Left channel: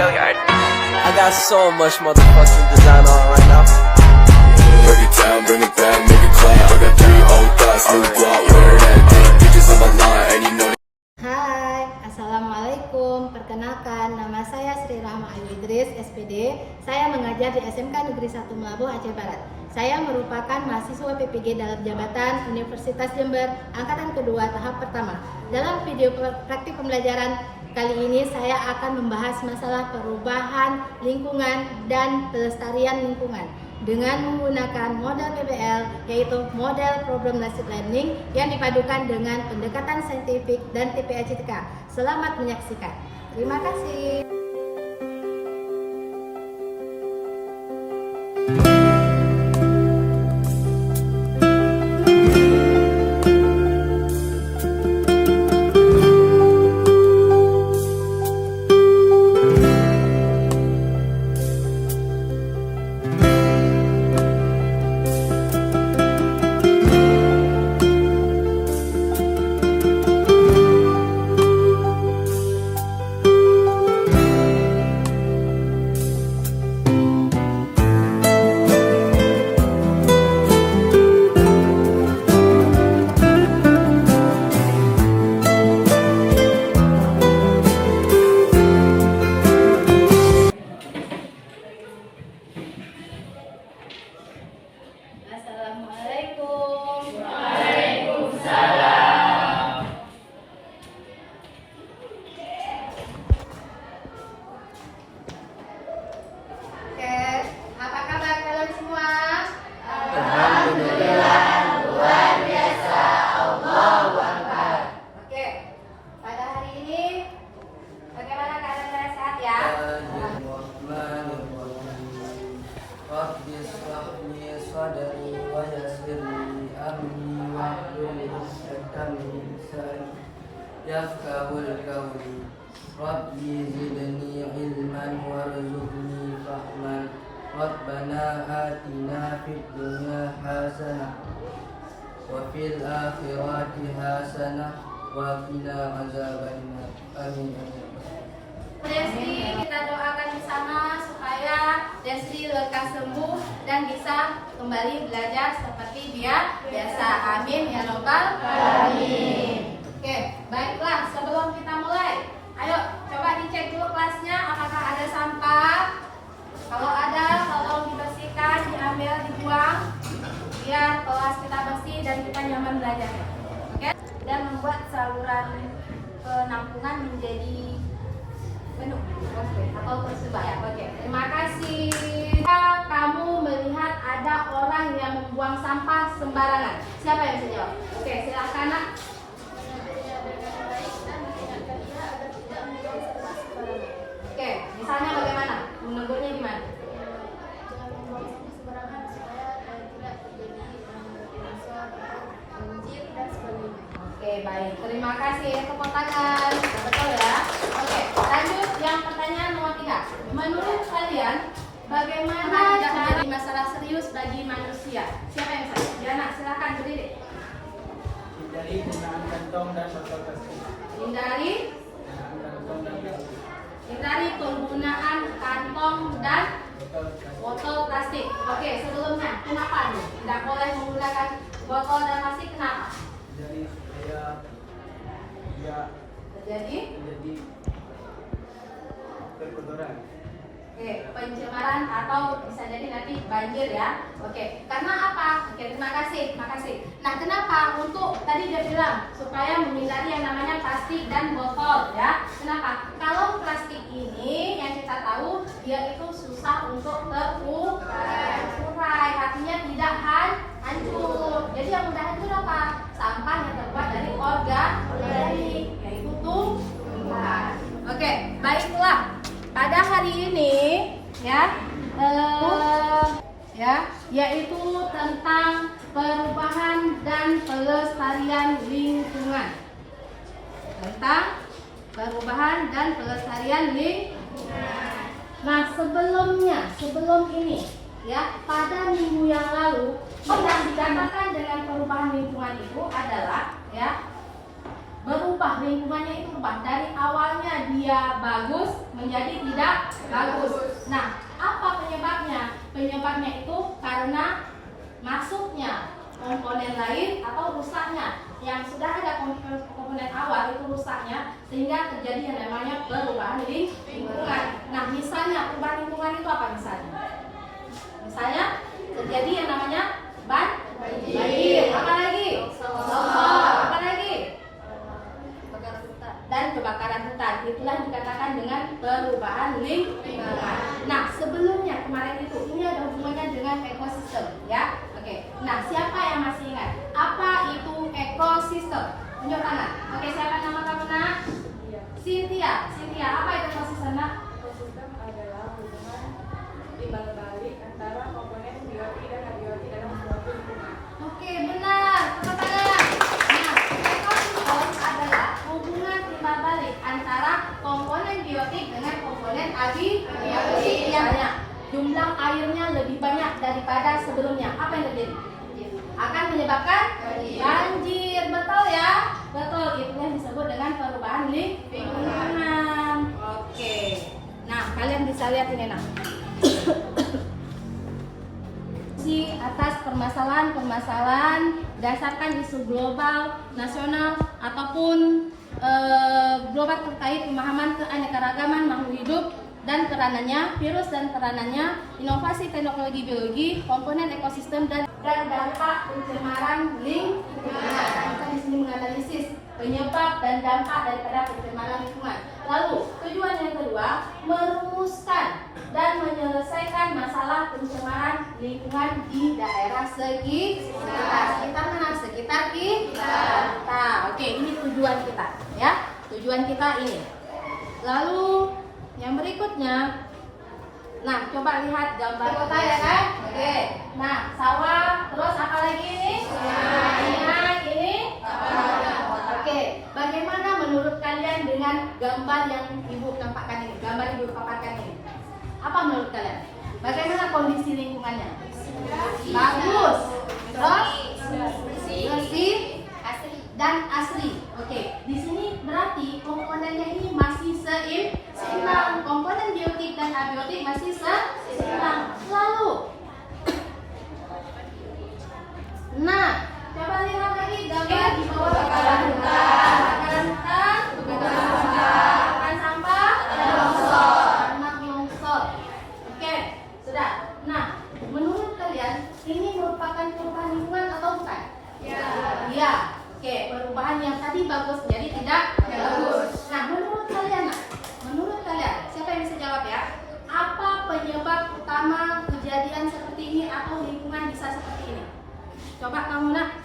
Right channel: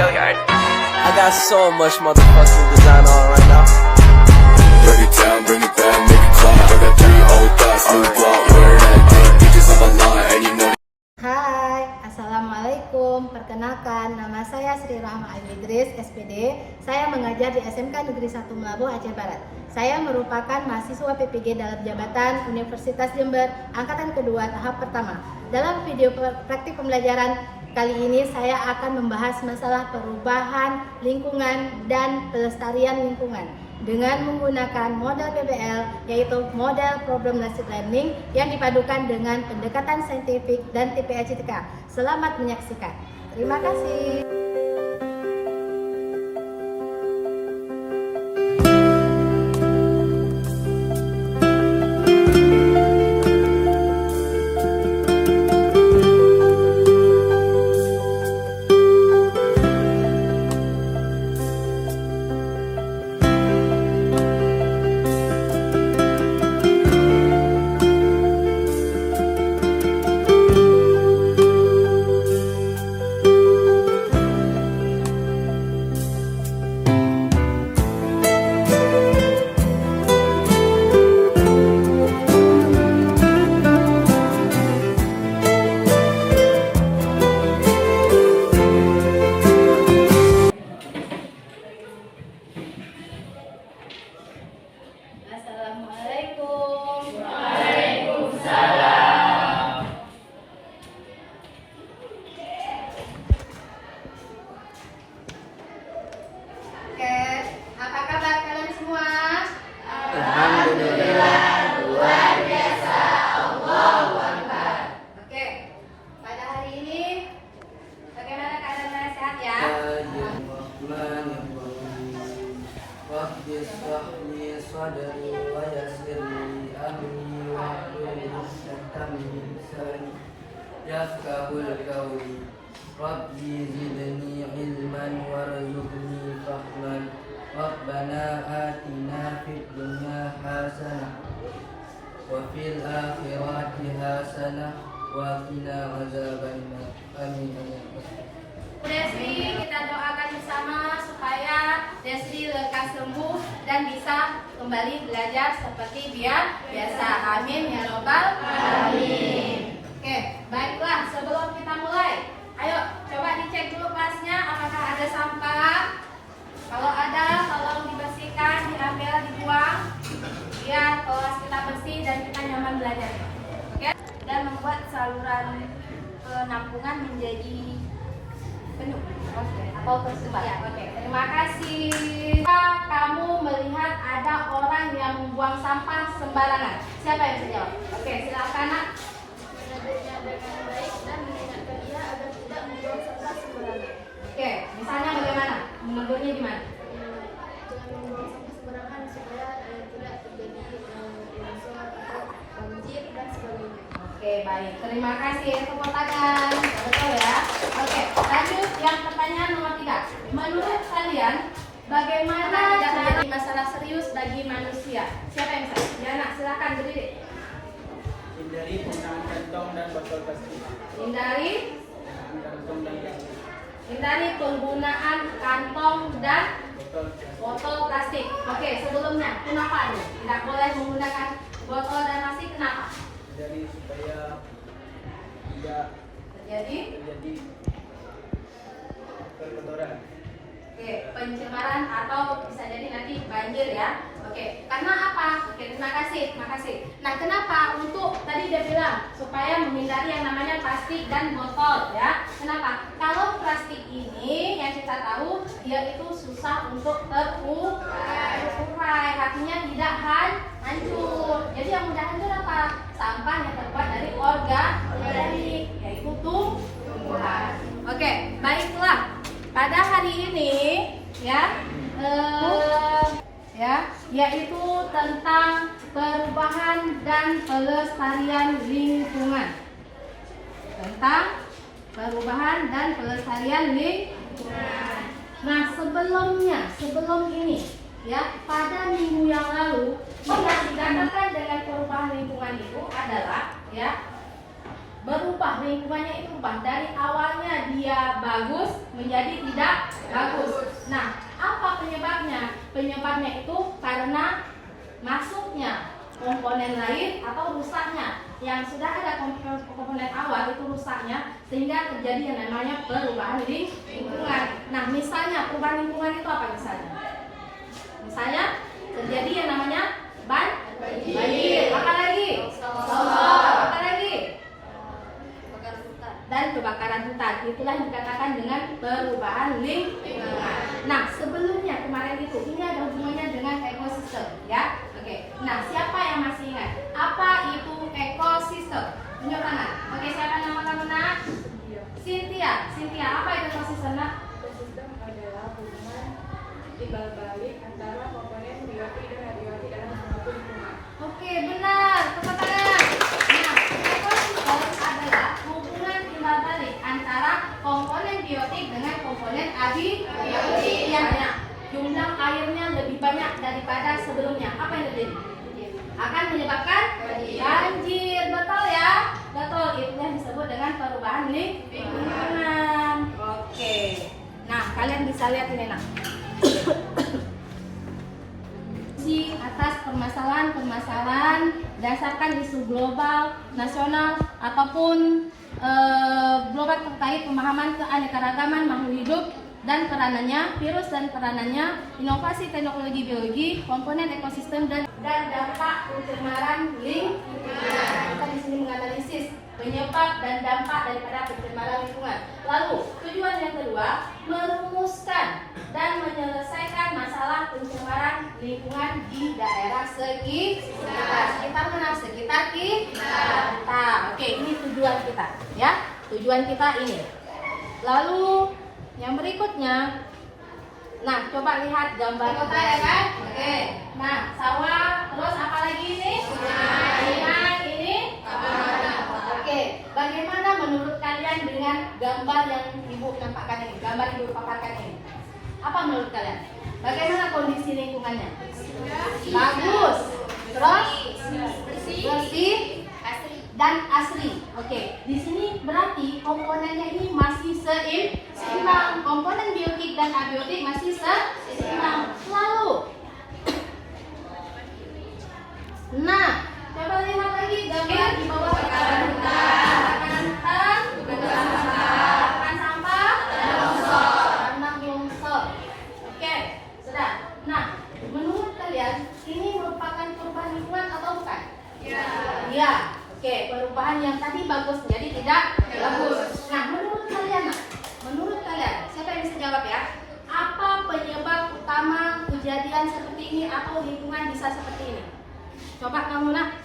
I got so much motherfucking design on right now. Break it down, bring it back, make it clap. I got 3 old thoughts, new block, where that day. Bitches on my line, and you know. Hai, Assalamualaikum. Perkenalkan, nama saya Sri Rahma Ayu Idris, SPD. Saya mengajar di SMK Negeri 1 Melabuh, Aceh Barat. Saya merupakan mahasiswa PPG dalam jabatan Universitas Jember, angkatan kedua tahap pertama. Dalam video praktik pembelajaran kali ini saya akan membahas masalah perubahan lingkungan dan pelestarian lingkungan dengan menggunakan model PBL, yaitu model Problem-Based Learning yang dipadukan dengan pendekatan saintifik dan TPA-CTK. Selamat menyaksikan. Terima kasih. Assalamualaikum. Waalaikumsalam. Oke, apa kabar kalian semua? Alhamdulillah, luar biasa. Allahu Akbar. Oke, pada hari ini bagaimana keadaan sehat ya? Rabbi shrah li sadri wa yassir li amri wahlul 'uqdatam min lisani yafqahul qawli. Rabbi zidni ilman warzuqni fahman. Rabbana atina fid dunya hasanah wa fil akhirati hasanah wa qina adzabannar. Amin. Desri, kita doakan bersama supaya Desri lekas sembuh dan bisa kembali belajar seperti biasa. Amin ya robbal alamin. Oke, baiklah, sebelum kita mulai, ayo coba dicek dulu kelasnya apakah ada sampah. Kalau ada, tolong dibersihkan, diambil, dibuang biar kelas kita bersih dan kita nyaman belajarnya. Oke? Dan membuat saluran penampungan menjadi penuh, atau tersebar. Oke, terima kasih. Kamu melihat ada orang yang membuang sampah sembarangan. Siapa yang bisa jawab? Oke, silakan nak. Oke, misalnya bagaimana? Menegurnya gimana? Oke, baik. Terima kasih. Tepuk tangan. Betul ya? Oke, lanjut yang pertanyaan nomor 3. Menurut kalian, bagaimana tidak menjadi masalah serius bagi manusia? Siapa yang saya? Diana, silakan berdiri. Hindari penggunaan kantong dan botol plastik. Hindari penggunaan kantong dan botol plastik. Oke, sebelumnya, kenapa nih? Tidak boleh menggunakan botol dan plastik, kenapa? Jadi supaya tidak Jadi? terjadi perkotoran. Oke, pencemaran atau bisa jadi nanti banjir ya. Oke, karena apa? Oke, terima kasih. Nah, kenapa? Untuk tadi dia bilang supaya menghindari yang namanya plastik dan botol ya. Kenapa? Kalau plastik ini yang kita tahu dia itu susah untuk terurai, artinya tidak hancur. Jadi yang mudah hancur apa? Sampah yang terbuat dari organik, yaitu tumbuhan. Oke, baiklah. Pada hari ini yaitu tentang perubahan dan pelestarian lingkungan. Nah, sebelum ini ya, pada minggu yang lalu yang dikatakan dengan perubahan lingkungan itu adalah ya, berubah lingkungannya itu berubah dari awalnya dia tadinya bagus menjadi tidak bagus. Nah, apa penyebabnya? Penyebabnya itu karena masuknya komponen lain atau rusaknya. Yang sudah ada komponen awal itu rusaknya, sehingga terjadi yang namanya perubahan lingkungan. Nah, misalnya perubahan lingkungan itu apa misalnya? Misalnya terjadi yang namanya banjir. Apa lagi? Apa lagi? Dan kebakaran hutan. Itulah yang dikatakan dengan perubahan lingkungan. Nah, sebelumnya kemarin itu ini ada hubungannya dengan ekosistem, ya. Oke. Nah, siapa yang masih ingat apa itu ekosistem? Tunjuk tangan. Oke, siapa nama kamu, Nak? Cynthia. Cynthia, apa itu ekosistem, Nak? Ekosistem adalah hubungan timbal balik antara komponen biotik dan abiotik dalam suatu lingkungan. Oke, benar. Tepuk tangan. Nah, ekosistem adalah hubungan timbal balik antara komponen biotik dengan komponen abiotik. Yang jumlah airnya lebih banyak daripada sebelumnya. Apa yang terjadi? Akan menyebabkan banjir. Betul ya? Betul. Itu yang disebut dengan perubahan lingkungan. Oke. Nah, kalian bisa lihat ini, Nak. Di atas permasalahan-permasalahan berdasarkan isu global, nasional, ataupun global terkait pemahaman keanekaragaman makhluk hidup dan peranannya, virus dan peranannya, inovasi teknologi biologi, komponen ekosistem dan dampak pencemaran lingkungan. Kita di sini menganalisis penyebab dan dampak daripada pencemaran lingkungan. Lalu tujuan yang kedua, merumuskan dan menyelesaikan masalah pencemaran lingkungan di daerah sekitar. Sekitar mana? Sekitar kita. Oke, ini tujuan kita, ya. Tujuan kita ini. Lalu yang berikutnya, nah coba lihat gambar kota ya kan? Oke. Nah, sawah, terus apa lagi ini? Ini. Oke. Bagaimana menurut kalian dengan gambar yang ibu tampakkan ini? Gambar ibu paparkan ini. Apa menurut kalian? Bagaimana kondisi lingkungannya? Bagus. Terus bersih dan asri. Oke, di sini berarti komponennya ini masih seimbang. Komponen biotik dan abiotik masih seimbang. Lalu, nah, coba lihat lagi gambar di bawah kebakaran hutan. Kebakaran sampah, tanah longsor. Oke, sudah. Nah, menurut kalian ini merupakan perubahan lingkungan atau bukan? Ya. Oke, perubahan yang tadi bagus jadi tidak bagus. Nah, menurut kalian, menurut kalian, siapa yang bisa jawab ya? Apa penyebab utama kejadian seperti ini atau lingkungan bisa seperti ini? Coba kamu, Nak,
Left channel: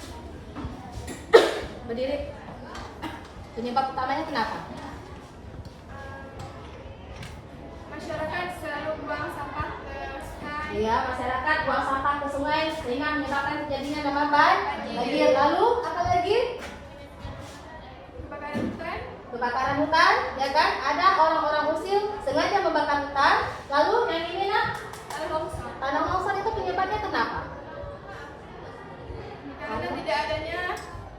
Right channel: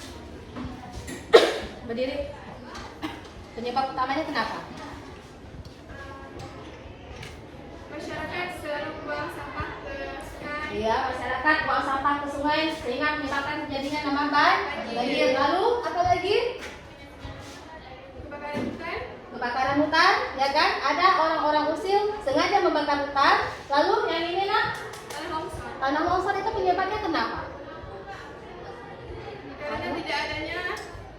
berdiri. Penyebab utamanya kenapa? Masyarakat selalu buang sampah ke sungai. Iya, masyarakat buang sampah ke sungai sehingga menyebabkan terjadinya nama banjir. Lalu apa lagi? Kebakaran hutan. Kebakaran hutan, ya kan? Ada orang-orang usil sengaja membakar hutan. Lalu yang ini, Nak? Tanah longsor. Tanah longsor itu penyebabnya kenapa? Karena tidak adanya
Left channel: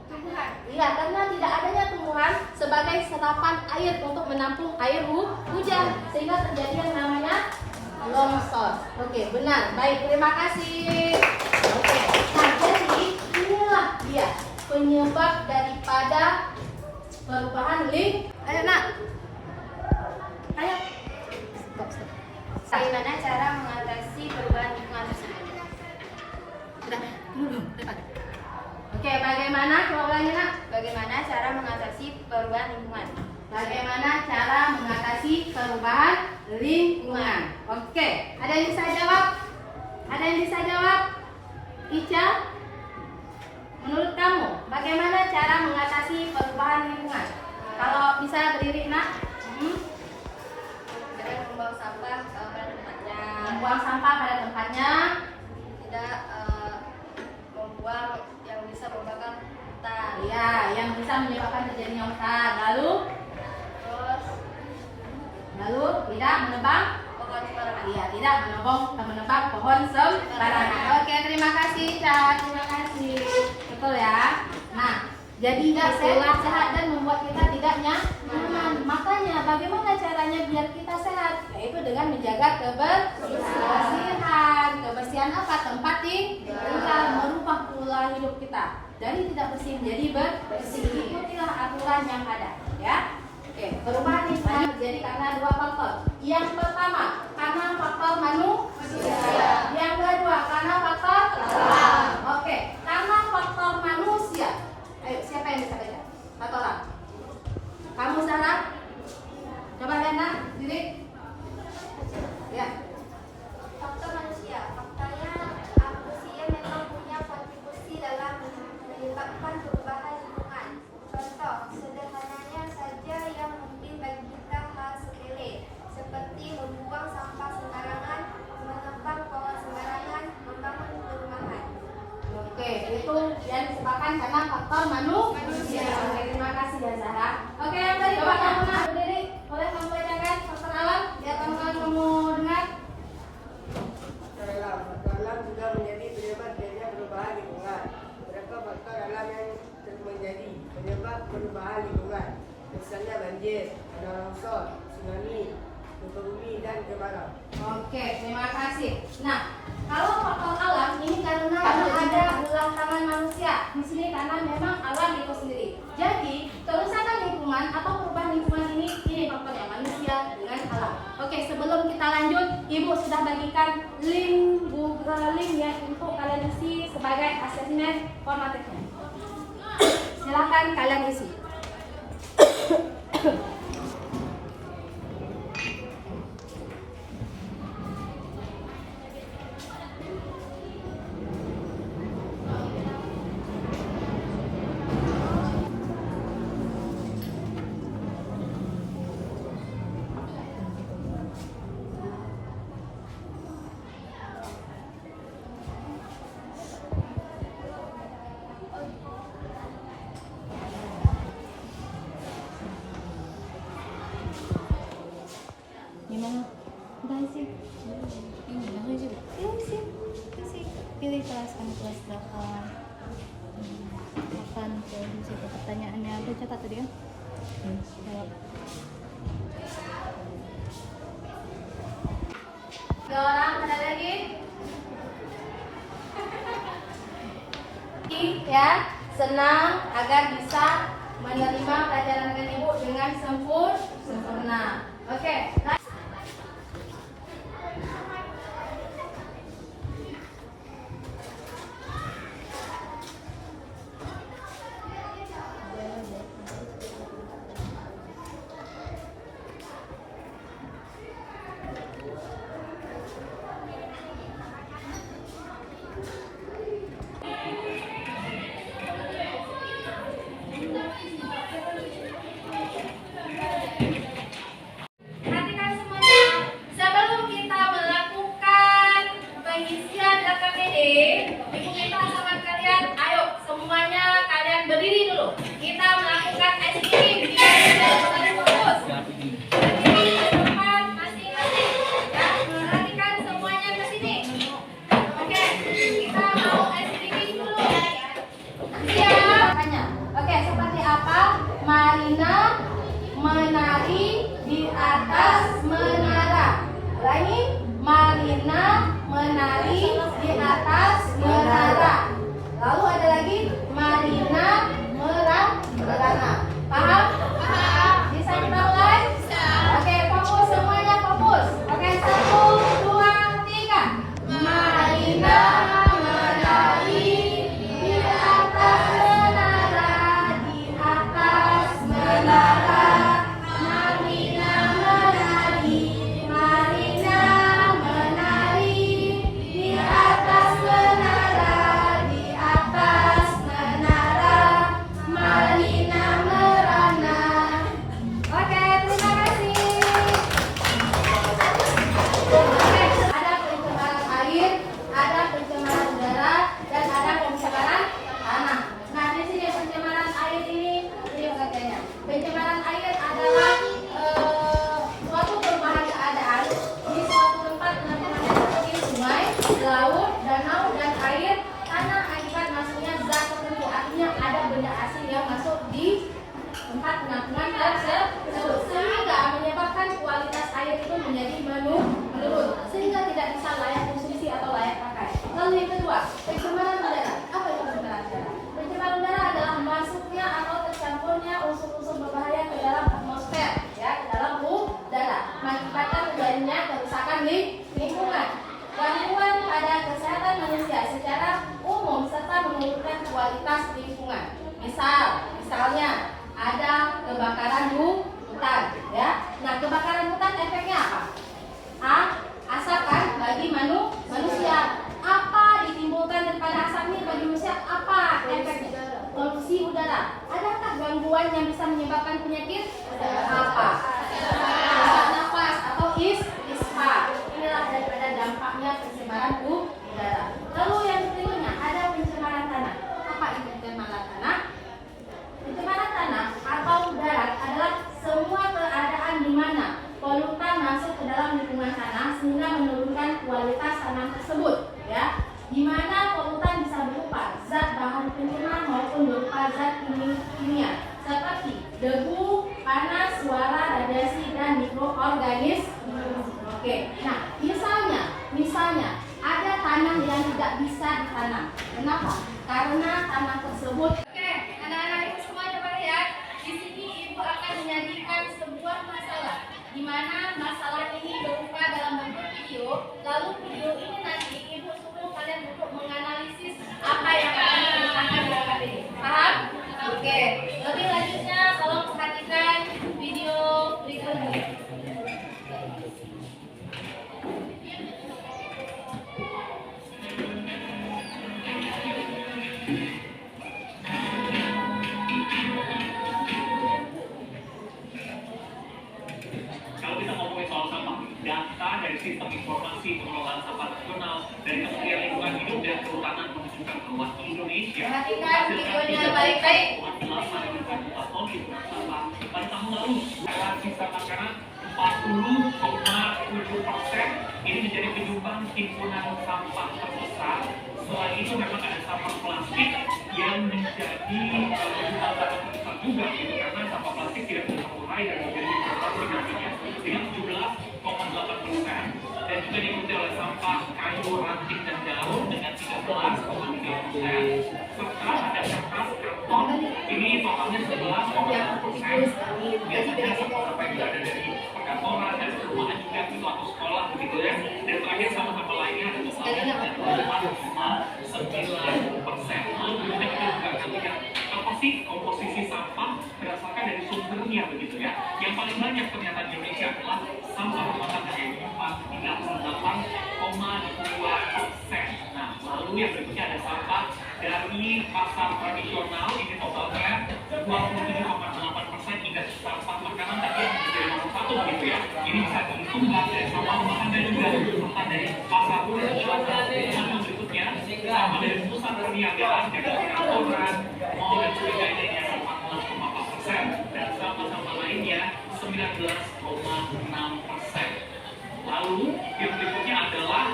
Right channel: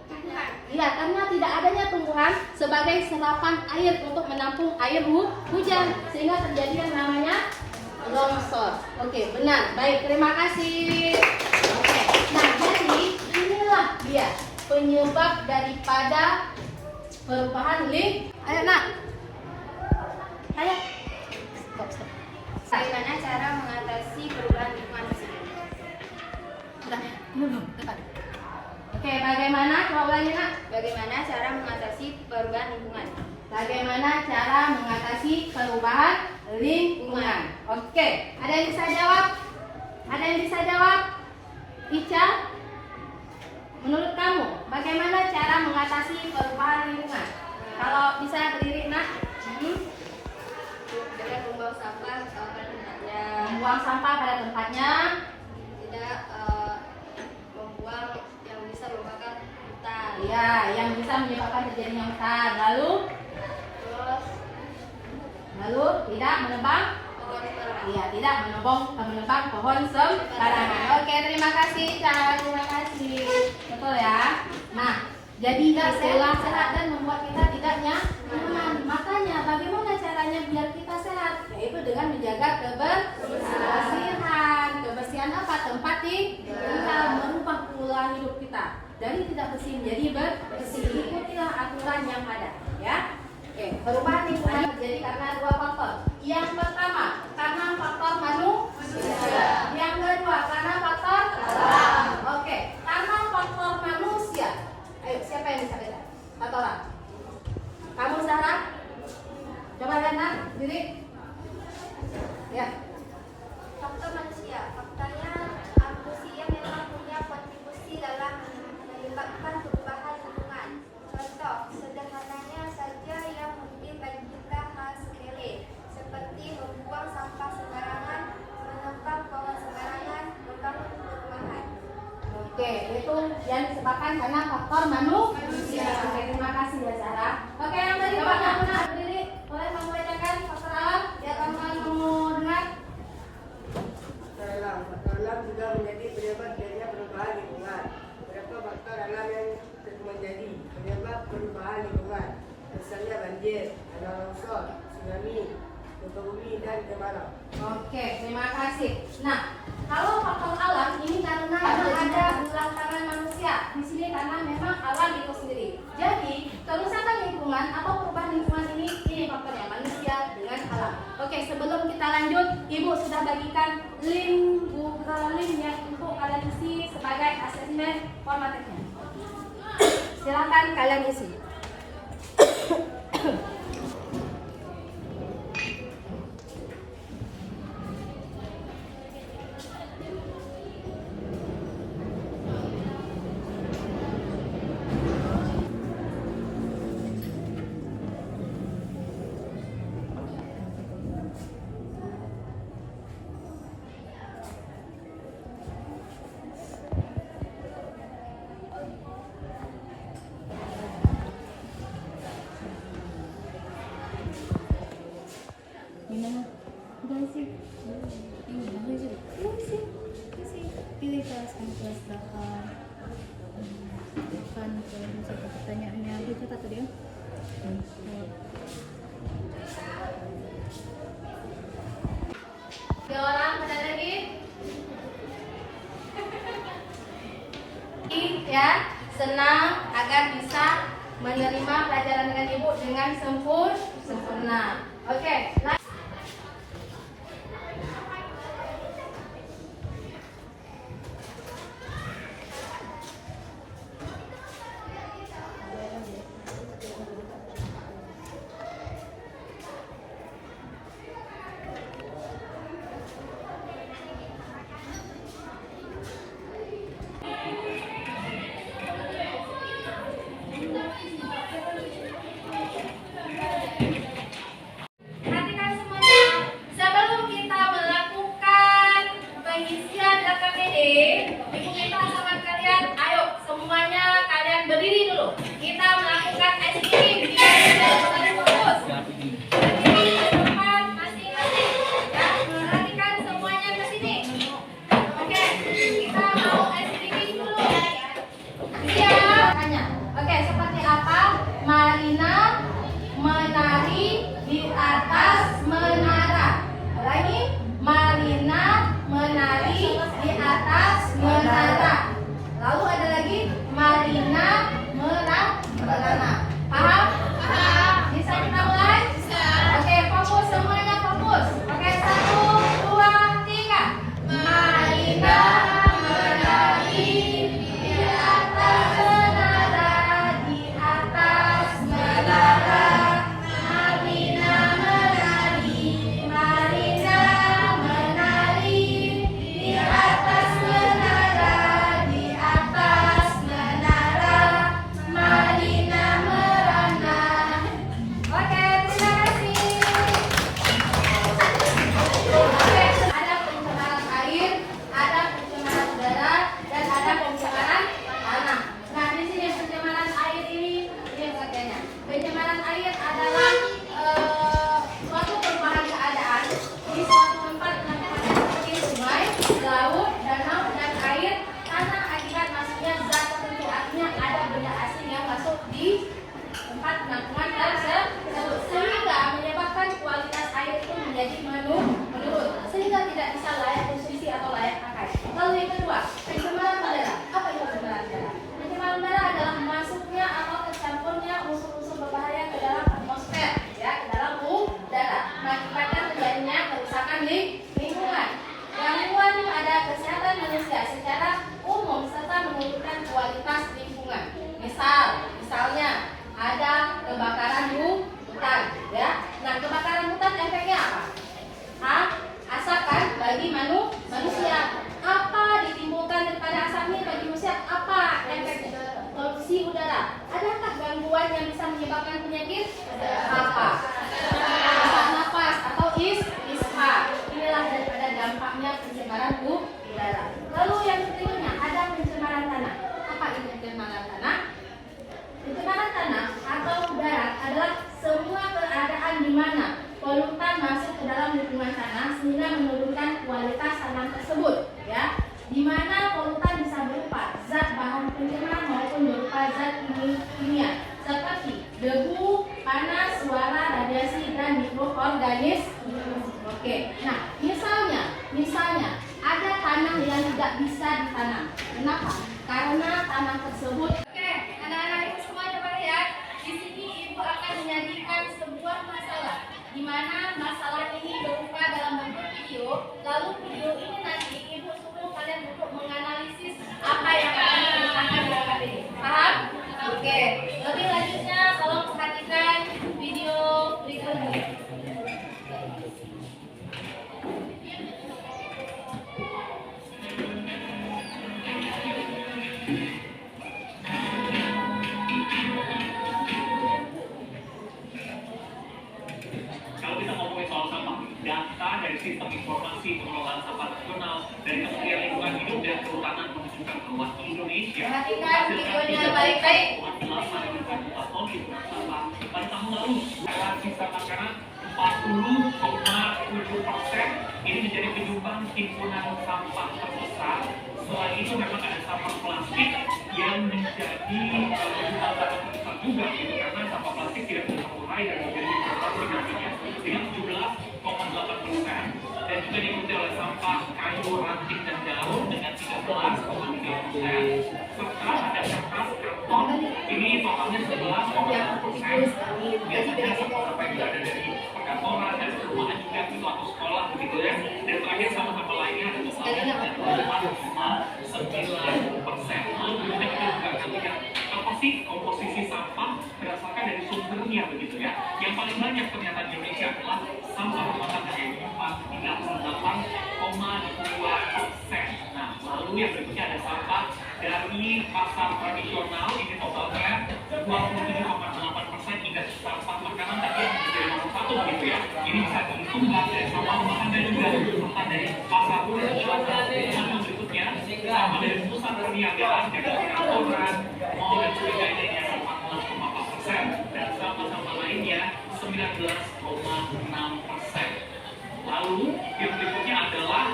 tumbuhan. Iya, karena tidak adanya tumbuhan sebagai serapan air untuk menampung air hujan sehingga terjadi yang namanya longsor. Oke, benar. Baik, terima kasih. Oke. Nah, jadi inilah dia penyebab daripada perubahan lingkungan. Ayo, Nak. Ayo. Stop. Bagaimana cara mengatasi perubahan lingkungan tersebut? Sudah. Dulu, depan. Oke, bagaimana? Coba ulangi, Nak. Bagaimana cara mengatasi perubahan lingkungan? Bagaimana cara mengatasi perubahan lingkungan? Oke, ada yang bisa jawab? Ada yang bisa jawab? Ica, menurut kamu, bagaimana cara mengatasi perubahan lingkungan? Kalau bisa berdiri, Nak. Dengan membuang sampah pada tempatnya, Membuang sampah pada tempatnya. tidak membuang yang bisa membakar hutan. Iya, yang bisa menyebabkan terjadinya hutan. Terus Tidak menebang. pohon sembarangan. Iya, tidak menebang pohon sembarangan. Oke, terima kasih, Ca. Terima kasih. Betul ya. Nah, jadi tidak sehat dan membuat kita tidak nyaman. Makanya bagaimana cara kebersihan. Kebersihan apa? Tempat tinggal, merubah pola hidup kita dari tidak bersih menjadi bersih. Ikutilah aturan yang ada, ya. Oke, perubahan lingkungan terjadi karena dua faktor. Yang pertama, karena faktor manusia. Yang kedua, karena faktor alam. Oke, karena faktor manusia. Ayo, siapa yang bisa baca? Satu orang. Kamu Zahra? Coba lihat diri. Ya. Faktor manusia. Faktanya manusia memang punya kontribusi dalam menyebabkan perubahan lingkungan. Contoh, sederhananya saja yang mungkin bagi kita hal sepele, seperti membuang sampah sembarangan, menempel pohon sembarangan, membangun perumahan. Oke, itu yang disebabkan karena faktor manusia. Oke, terima kasih ya Zahra. Oke, yang tadi coba kamu berdiri, boleh kamu bacakan faktor alam biar kamu dengar. Faktor alam juga menjadi penyebab terjadinya perubahan lingkungan. Beberapa faktor alam yang menjadi penyebab perubahan lingkungan, misalnya banjir, tanah longsor, tsunami, gempa bumi, dan kemarau. Oke, terima kasih. Nah, kalau faktor alam ini karena ada ulang tangan manusia di sini karena memang alam itu sendiri. Jadi kerusakan lingkungan atau perubahan lingkungan ini faktornya manusia dengan alam. Oke, sebelum kita lanjut, Ibu sudah bagikan link Google link yang untuk kalian isi sebagai asesmen formatiknya. Silakan kalian isi. Gimana? Udah sih. Ini udah sih. Isi. Pilih kelas berapa? Kapan terus pertanyaannya aku catat tadi kan? Tiga orang ada lagi? Ya, senang agar bisa menerima pelajaran dengan Ibu dengan sempurna. Oke, perhatikan semuanya. Sebelum kita melakukan pengisian data PD, Ibu minta sama kalian, ayo semuanya kalian berdiri dulu. Kita melakukan SPM di garis fokus. Berdiri di depan masing-masing. Ya, perhatikan semuanya ke sini. Oke, kita mau SPM dulu. Siap? Tanya. Oke, seperti apa? Marina menari di atas menara. Lagi, Marina menari di atas menara. Lalu ada lagi, Marina merana. Paham? Paham. Bisa kita mulai? Oke, fokus semuanya fokus. Oke, 1, 2, 3. Marina menari di atas menara, di atas menara. Marina menari di atas menara, di atas menara. Marina merana. Oke, terima kasih. Oke, ada pencemaran air, ada pencemaran udara, dan ada pencemaran tanah. Nah, di sini pencemaran air ini bagiannya. Pencemaran air adalah suatu perubahan keadaan di suatu tempat seperti sungai, laut, danau, dan air tanah akibat masuknya zat tertentu. Artinya ada benda asing yang masuk di tempat penampungan tersebut sehingga menyebabkan kualitas air itu menjadi menurun. Lalu yang kedua, pencemaran udara. Apa itu pencemaran udara? Pencemaran udara adalah masuknya atau tercampurnya unsur-unsur berbahaya ke dalam atmosfer, ya, ke dalam udara, mengakibatkan terjadinya kerusakan di lingkungan, gangguan pada kesehatan manusia secara umum serta menurunkan kualitas lingkungan. Misalnya ada kebakaran hutan, ya. Nah, kebakaran hutan efeknya apa? Asap kan bagi manusia. Apa ditimbulkan daripada asap ini bagi manusia? Apa efeknya? Polusi udara. Adakah gangguan yang bisa menyebabkan penyakit? Apa? Sesak nafas atau ispa. Inilah daripada dampaknya pencemaran udara. Lalu yang berikutnya ada pencemaran tanah. Apa itu pencemaran tanah? Pencemaran tanah atau darat adalah semua keadaan di mana polutan masuk ke dalam lingkungan tanah sehingga menurunkan kualitas tanah tersebut, ya. Di mana polutan bisa berupa zat bahan pencemar maupun berupa zat kimia seperti debu, panas, suara, radiasi dan mikroorganisme. Oke. Nah, misalnya ada tanah yang tidak bisa ditanam. Kenapa? Karena tanah tersebut. Oke, anak-anak ibu semua coba lihat. Di sini ibu akan menyajikan sebuah masalah, di mana masalah ini berupa dalam bentuk video. Lalu video ini nanti ibu suruh kalian untuk menganalisis apa yang akan diceritakan dalam ini. Paham? Oke. Lebih lanjutnya tolong perhatikan video berikutnya. Kalau kita ngomongin soal sampah, data dari sistem informasi pengelolaan sampah nasional dari Kementerian Lingkungan Hidup dan Kehutanan menunjukkan bahwa Indonesia Perhatikan videonya baik-baik. 8 juta ton limbah sampah pada tahun lalu. Karena sisa makanan 40,7%, ini menjadi penyumbang timbunan sampah terbesar. Selain itu memang ada sampah plastik yang menjadi sampah terbesar juga, gitu, karena sampah plastik tidak bisa terurai dan menjadi dengan 17,8%, dan juga diikuti oleh sampah kayu, ranting dan daun dengan 13,3%, serta ada kertas, karton, ini totalnya 11,1%. Biasanya sampah-sampah yang ada dari perkantoran dan perumahan juga itu atau sekolah begitu ya. Dan terakhir sampah-sampah lainnya ada totalnya 4,9%. Lalu berikutnya kita juga akan lihat apa sih komposisi sampah berdasarkan dari sumbernya begitu ya. Yang paling banyak ternyata di Indonesia adalah sampah rumah tangga yang 38,2%. Nah, lalu yang berikutnya ada sampah dari pasar tradisional, ini totalnya 27,8%. Hingga sampah makanan tadi yang menjadi nomor 1 begitu ya. Ini bisa disumbang dari sampah rumah tangga juga, serta dari pasar tradisional. Yang berikutnya sampah dari pusat perniagaan, dari kantoran, mall dan sebagainya ini ada 14,4%, dan sampah-sampah lainnya 19,6%. Lalu yang berikutnya adalah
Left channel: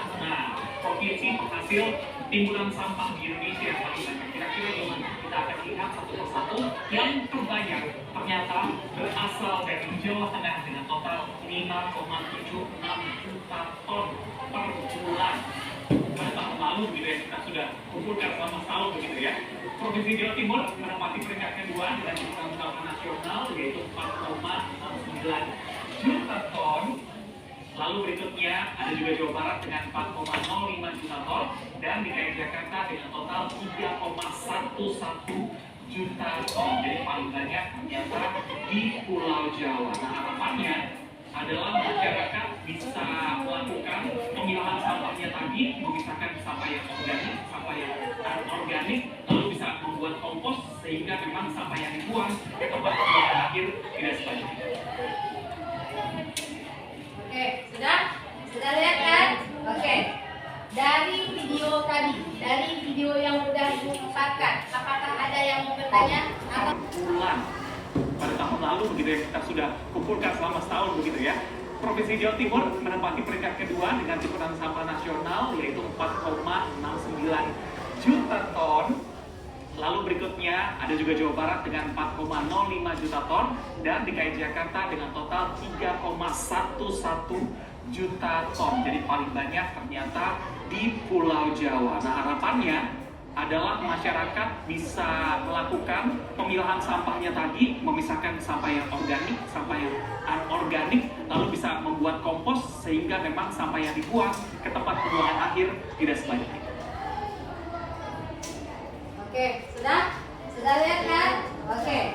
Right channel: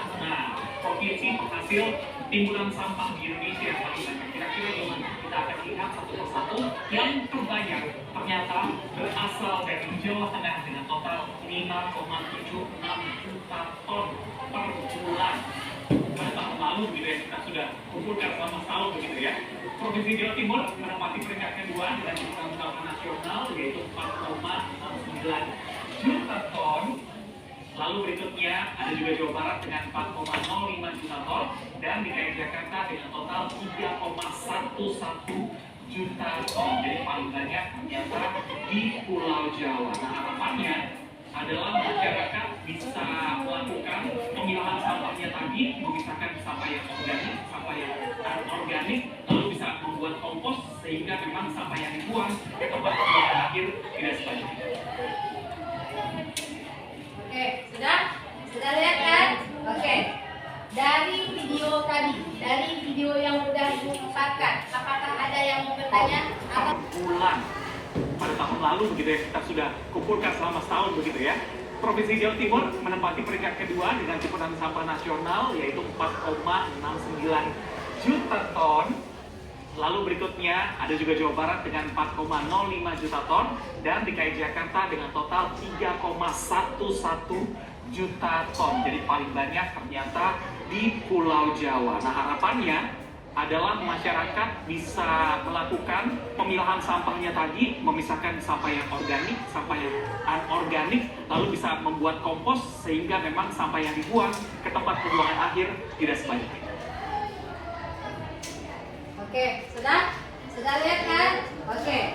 provinsi penghasil timbunan sampah di Indonesia yang paling banyak. Kira-kira gimana? Kita akan lihat satu persatu. Yang terbanyak ternyata berasal dari Jawa Tengah dengan total 5,76 juta ton per bulan. Pada tahun lalu begitu ya, kita sudah kumpulkan selama setahun begitu ya. Provinsi Jawa Timur menempati peringkat kedua dengan timbunan sampah nasional yaitu 4,9 juta ton. Lalu berikutnya ada juga Jawa Barat dengan 4,05 juta ton, dan DKI Jakarta dengan total 3,11 juta ton. Jadi paling banyak ternyata di Pulau Jawa. Nah, harapannya adalah masyarakat bisa melakukan pemilahan sampahnya tadi, memisahkan sampah yang organik, sampah yang anorganik, lalu bisa membuat kompos sehingga memang sampah yang dibuang ke tempat pembuangan akhir tidak sebanyak itu. Oke, sudah lihat kan? Oke. Dari video tadi, dari video yang sudah dipusatkan, apakah ada yang mau bertanya atau bulan pada tahun lalu begitu ya, kita sudah kumpulkan selama setahun begitu ya. Provinsi Jawa Timur menempati peringkat kedua dengan timbunan sampah nasional yaitu 4,69 juta ton. Lalu berikutnya ada juga Jawa Barat dengan 4,05 juta ton dan DKI Jakarta dengan total 3,11 juta ton. Jadi paling banyak ternyata di Pulau Jawa. Nah, harapannya adalah masyarakat bisa melakukan pemilahan sampahnya tadi, memisahkan sampah yang organik, sampah yang anorganik, lalu bisa membuat kompos sehingga memang sampah yang dibuang ke tempat pembuangan akhir tidak sebanyak itu. Oke, sudah lihat kan? Oke,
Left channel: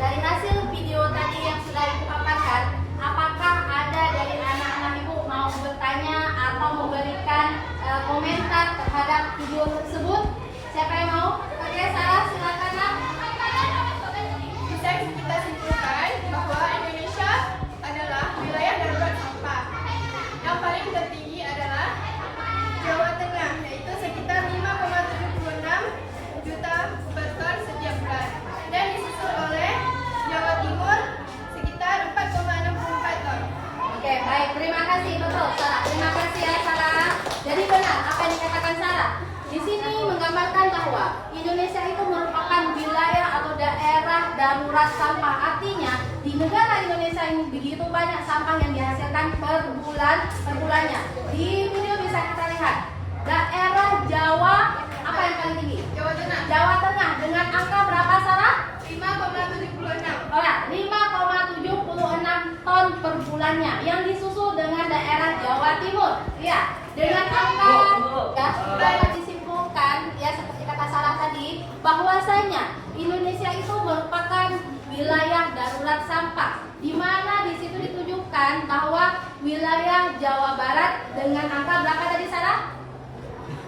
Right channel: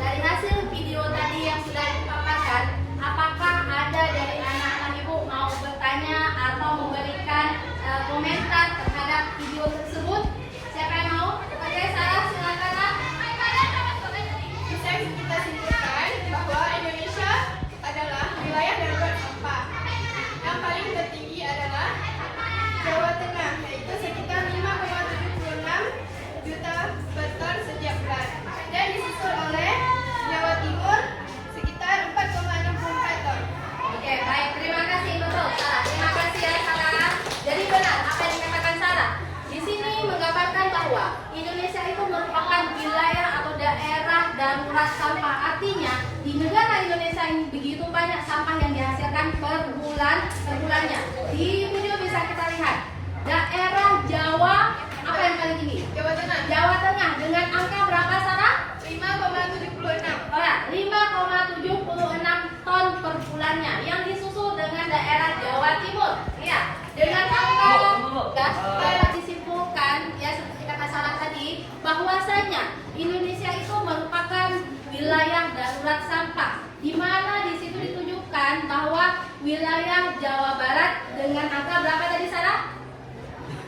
dari hasil video tadi yang sudah dipaparkan, apakah ada dari anak-anak ibu mau bertanya atau memberikan komentar terhadap video tersebut? Siapa yang mau? Oke, Sarah, silakan. Bisa kita simpulkan bahwa Indonesia adalah wilayah darurat sampah. Yang paling tertinggi adalah Jawa Tengah, yaitu sekitar 5,76 juta per ton setiap bulan. Dan disusul oleh Jawa Timur sekitar 4,64 ton. Oke, baik. Terima kasih, betul, Sarah. Terima kasih ya, Sarah. Jadi benar apa yang dikatakan Sarah. Di sini menggambarkan bahwa Indonesia itu merupakan wilayah atau daerah darurat sampah. Artinya di negara Indonesia ini begitu banyak sampah yang dihasilkan per bulannya. Di video bisa kita lihat daerah Jawa apa yang paling tinggi? Jawa Tengah. Jawa Tengah dengan angka berapa, Sarah? 5,76. Oh ya, 5,76 ton per bulannya. Yang disusul dengan daerah Jawa Timur. Ya, dengan angka dapat disimpulkan ya seperti kata Sarah tadi bahwasanya Indonesia itu merupakan wilayah darurat sampah, di mana di situ ditujukan bahwa wilayah Jawa Barat dengan angka berapa tadi, Sarah?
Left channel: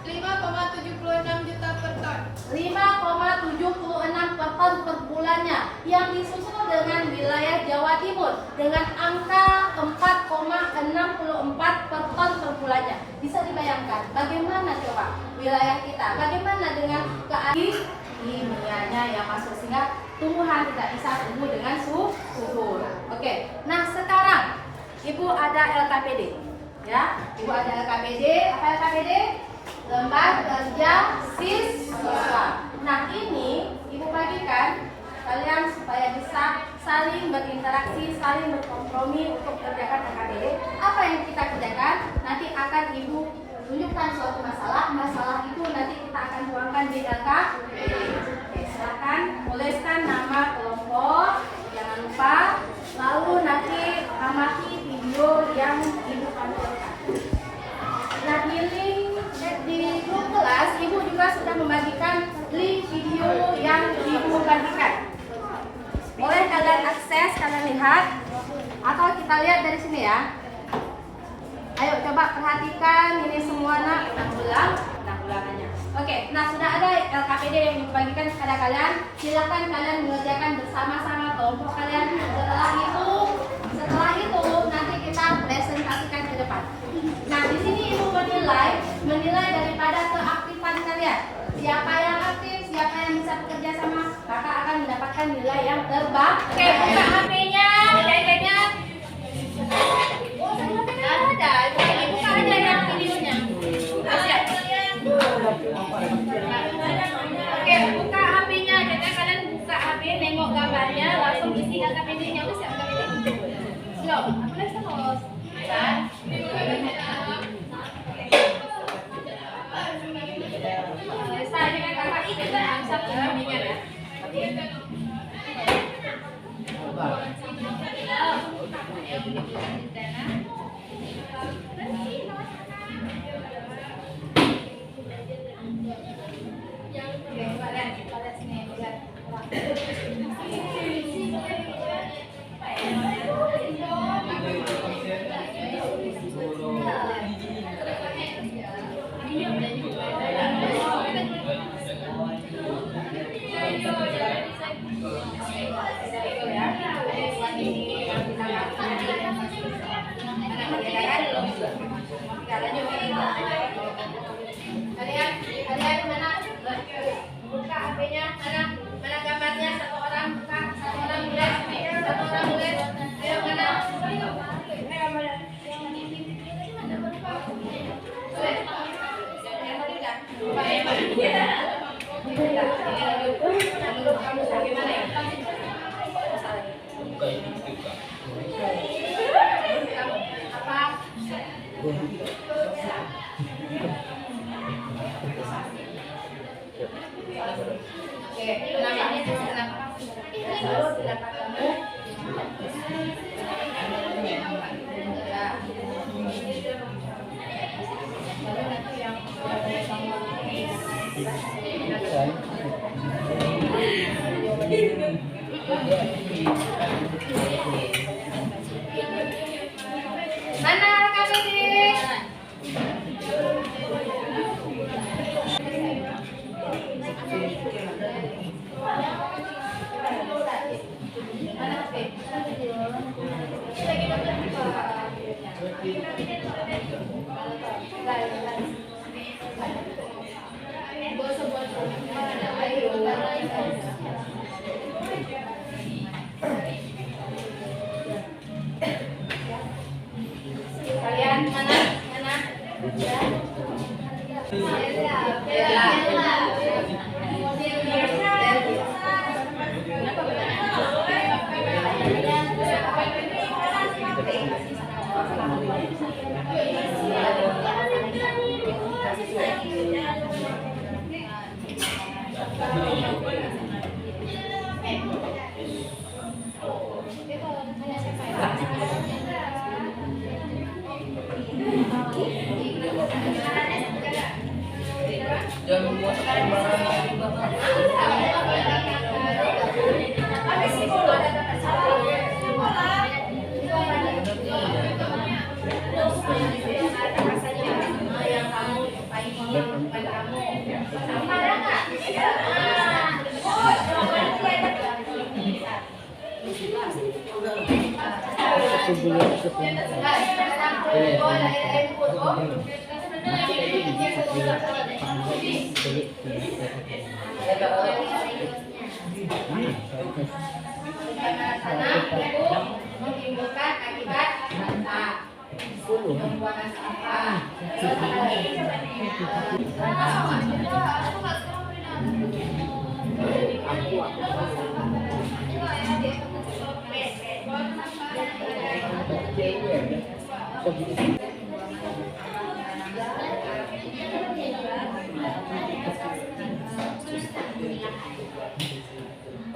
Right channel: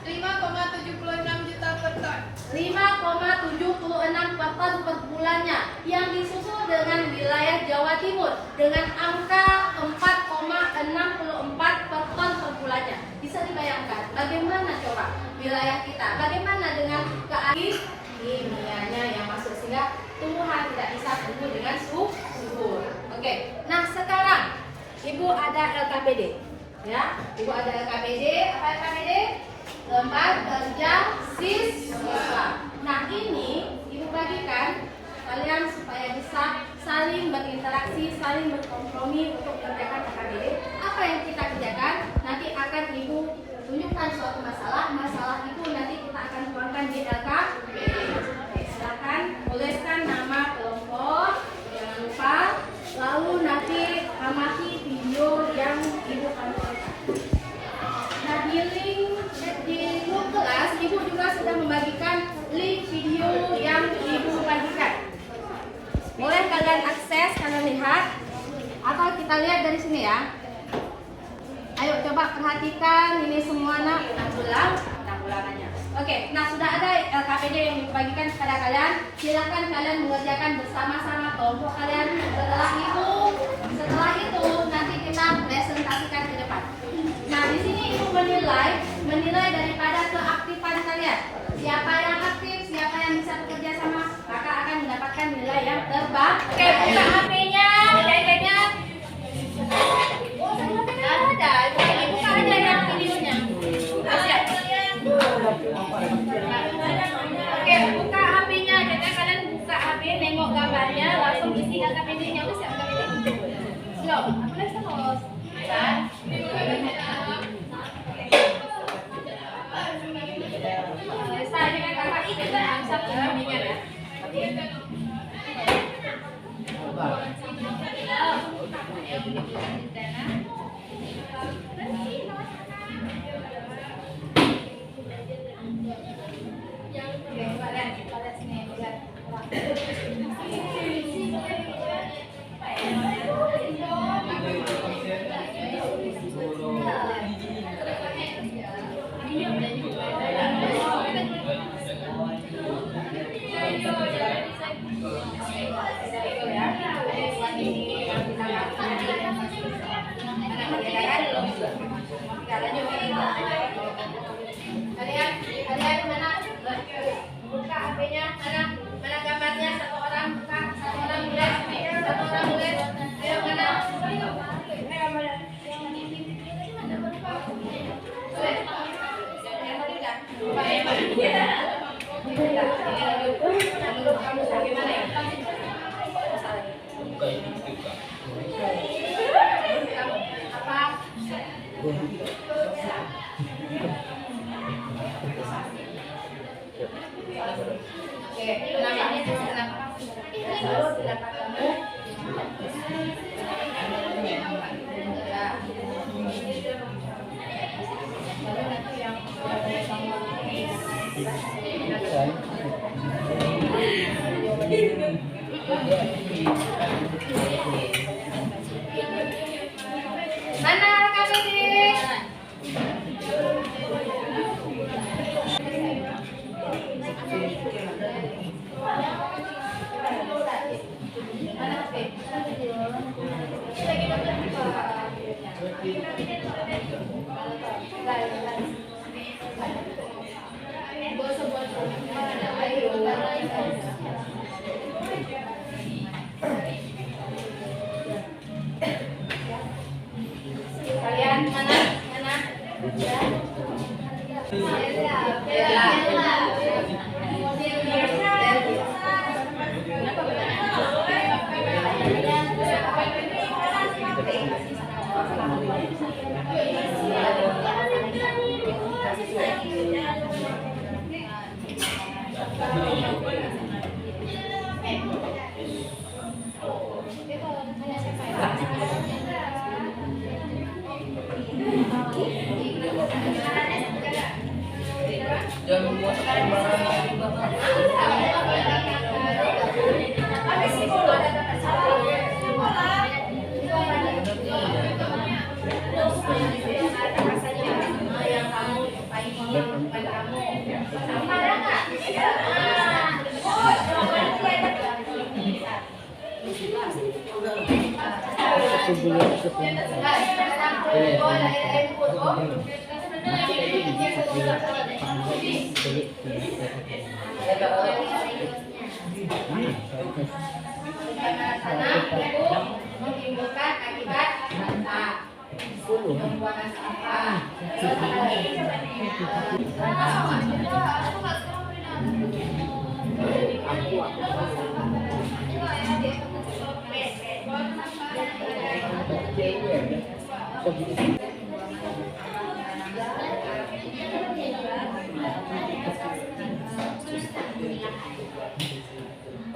5,76 juta per ton. 5,76 per ton per bulannya. Yang disusul dengan wilayah Jawa Timur dengan angka 4,64 per ton per bulannya. Bisa dibayangkan bagaimana coba wilayah kita, bagaimana dengan kimianya yang masuk sehingga tumbuhan tidak bisa tumbuh dengan subur. Oke, nah sekarang Ibu ada LKPD, ya. Ibu ada LKPD. Apa LKPD? Lembar Kerja Siswa. Nah ini Ibu bagikan kalian supaya bisa saling berinteraksi, saling berkompromi untuk kerjakan LKPD. Apa yang kita kerjakan nanti akan Ibu tunjukkan suatu masalah itu nanti kita akan tuangkan di LKPD. Oke, silakan tuliskan nama kelompok, jangan lupa, lalu nanti amati video yang Ibu tampilkan. Nah di grup kelas Ibu juga sudah membagikan link video yang Ibu bagikan. Boleh kalian akses, kalian lihat, atau kita lihat dari sini ya. Ayo coba perhatikan ini semua penanggulangannya. Oke, nah sudah ada LKPD yang dibagikan kepada kalian. Silakan kalian mengerjakan bersama-sama kelompok kalian. Setelah itu nanti kita presentasikan ke depan. Nah di sini Ibu menilai daripada keaktifan kalian. Siapa yang aktif, siapa yang bisa bekerja sama, maka akan mendapatkan nilai yang terbaik. Oke, buka HP-nya, iPad-nya. Ada, buka aja yang videonya. Siap. Oke, buka HP-nya. Jadi kalian buka HP, nengok gambarnya, langsung isi LKPD-nya. Udah siap LKPD? Belum. Aku lihat terus. Saya dengan kakak itu bisa bimbingan ya. Kalian mana? Buka HP-nya, mana gambarnya? Satu orang buka, satu orang tulis. Ayo mana? Yang tadi udah. Apa? Oke, namanya kenapa? Lalu kenapa kamu? Ya. Lalu nanti yang mana kami ini? Kalian mana? Mana? Jangan membuat menimbulkan akibat dampak pembuangan sampah.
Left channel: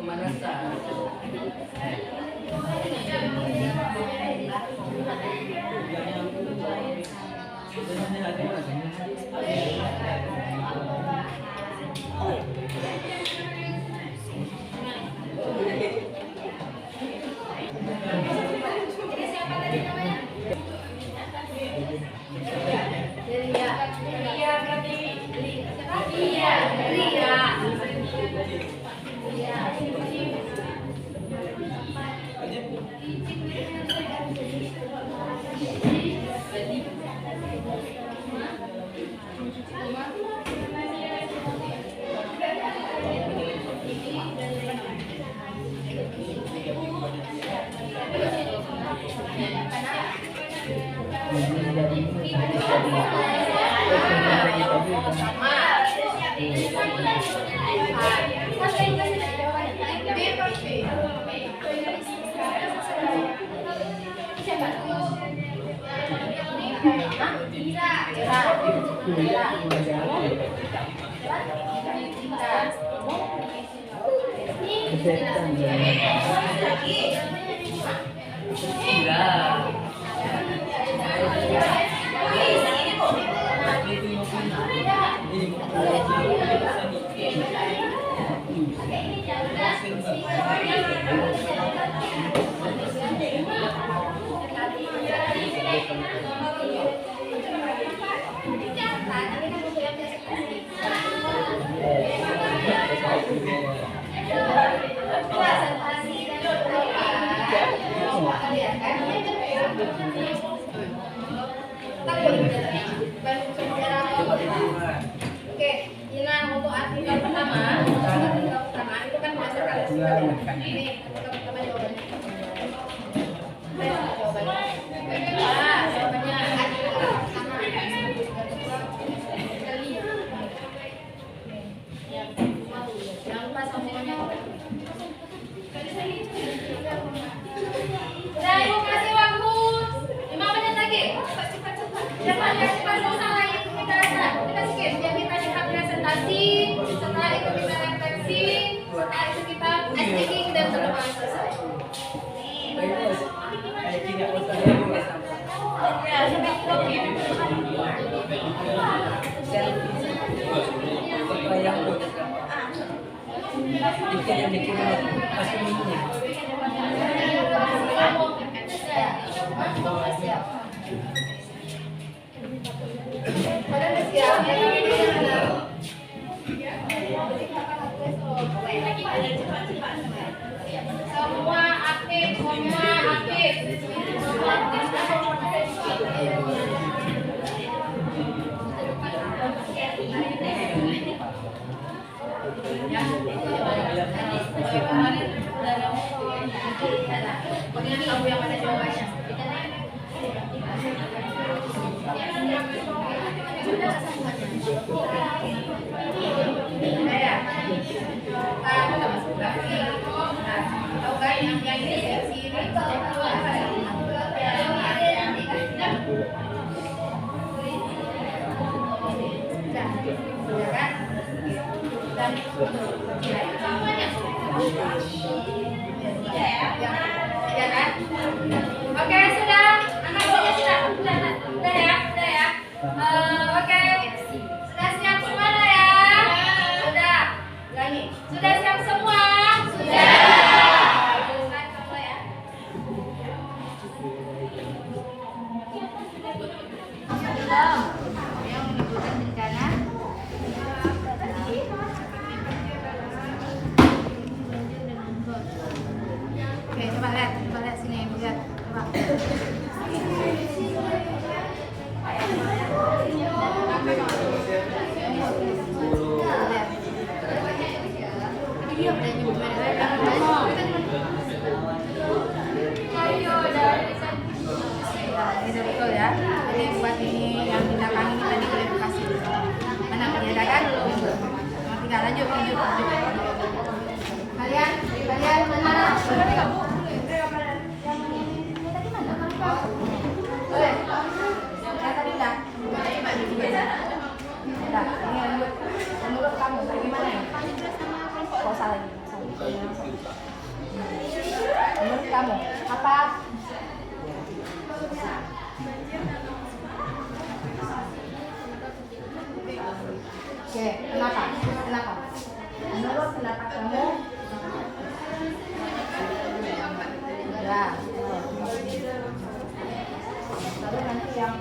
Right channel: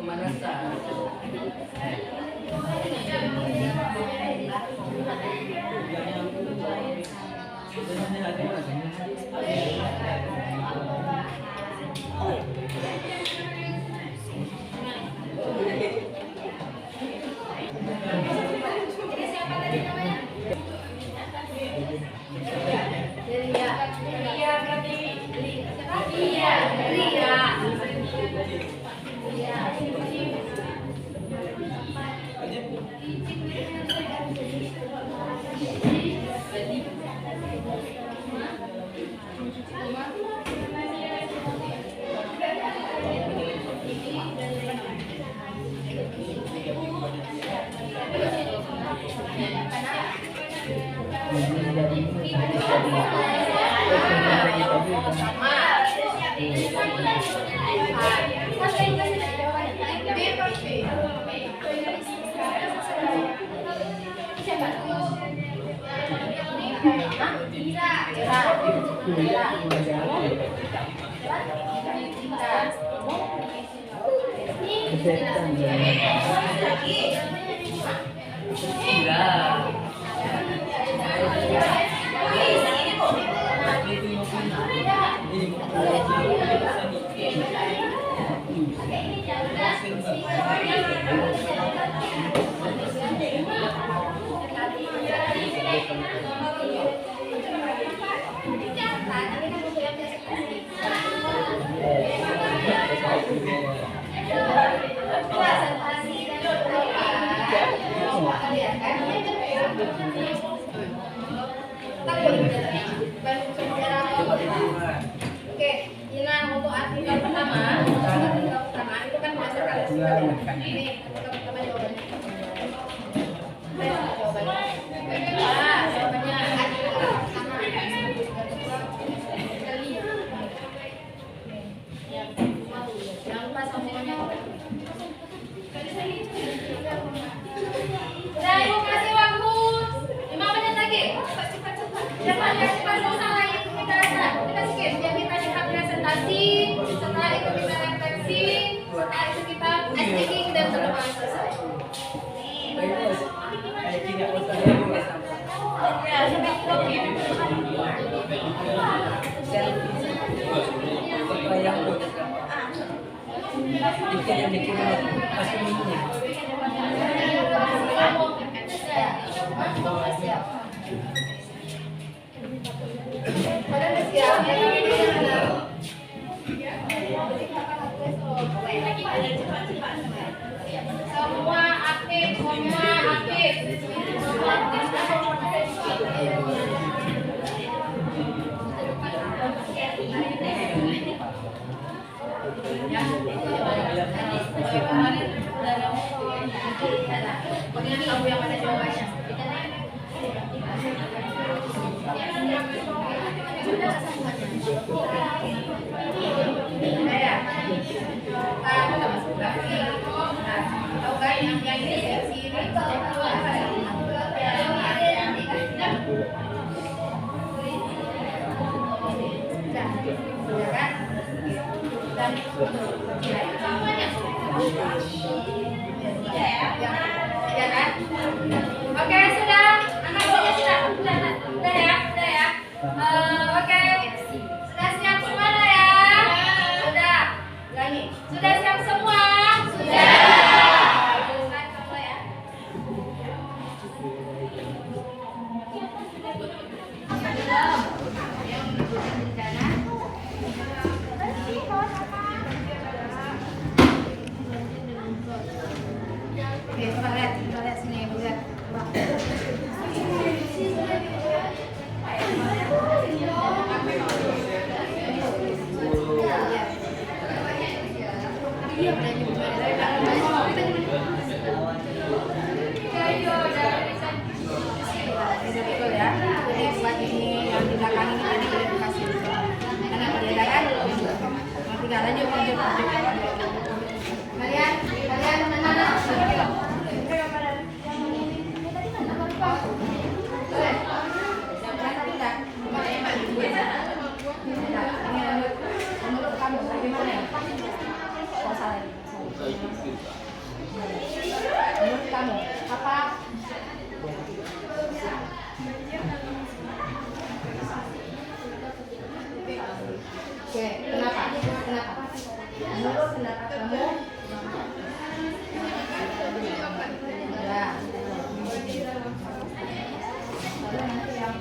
pemanasan. Oke, Ina untuk artikel pertama itu kan berdasarkan ini pertama jawabannya. Jangan lupa semuanya. Pokoknya kamu yang mana jawabannya? Udah ya? Kita masuk lagi. Tahu kan yang ini versi ini? Sudah kan? Dan semuanya. Ya kan? Oke, sudah. Anak-anaknya sudah ya. Oke. Sudah siap semua ya? Sudah. Ulangi. Sudah siap semua? Sudah. Bagus semua ya. Oke, coba lihat sini yang lihat. Ini dari itu ya. Ini buat ini yang di belakang ini tadi kita kasih. Karena beda kan? Nah, tinggal lanjut. Kalian mana? Menurut kamu apa? Oke, kenapa? Menurut pendapat kamu? Ya. Tapi nanti yang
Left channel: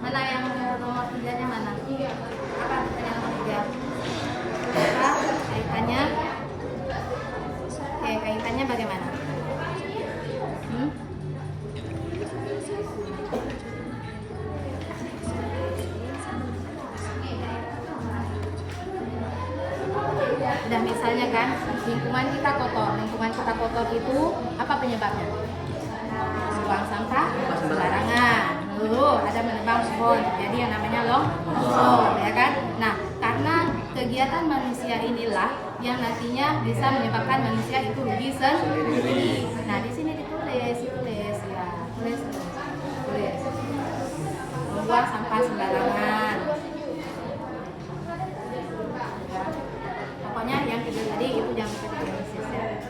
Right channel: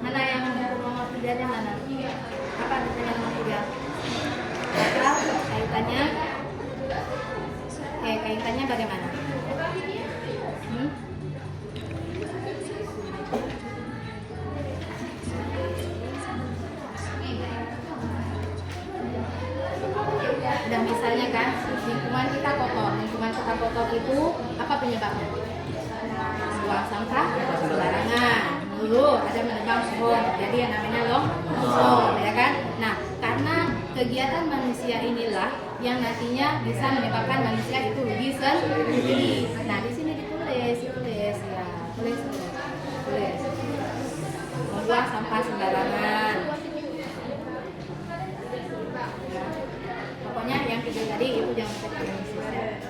mana yang nomor kerjanya mana? Apa yang nomor kerja? Apa kaitannya? Oke, kaitannya bagaimana? Dan misalnya kan lingkungan kita kotor itu apa penyebabnya? Buang sampah sembarangan, ada menebang pohon, jadi yang namanya longsor, ya kan? Nah, karena kegiatan manusia inilah yang nantinya bisa menyebabkan manusia itu rugi sendiri. Nah, di sini ditulis ya, tulis. Membuang sampah sembarangan. Ya. Pokoknya yang kedua tadi itu jangan terus ya.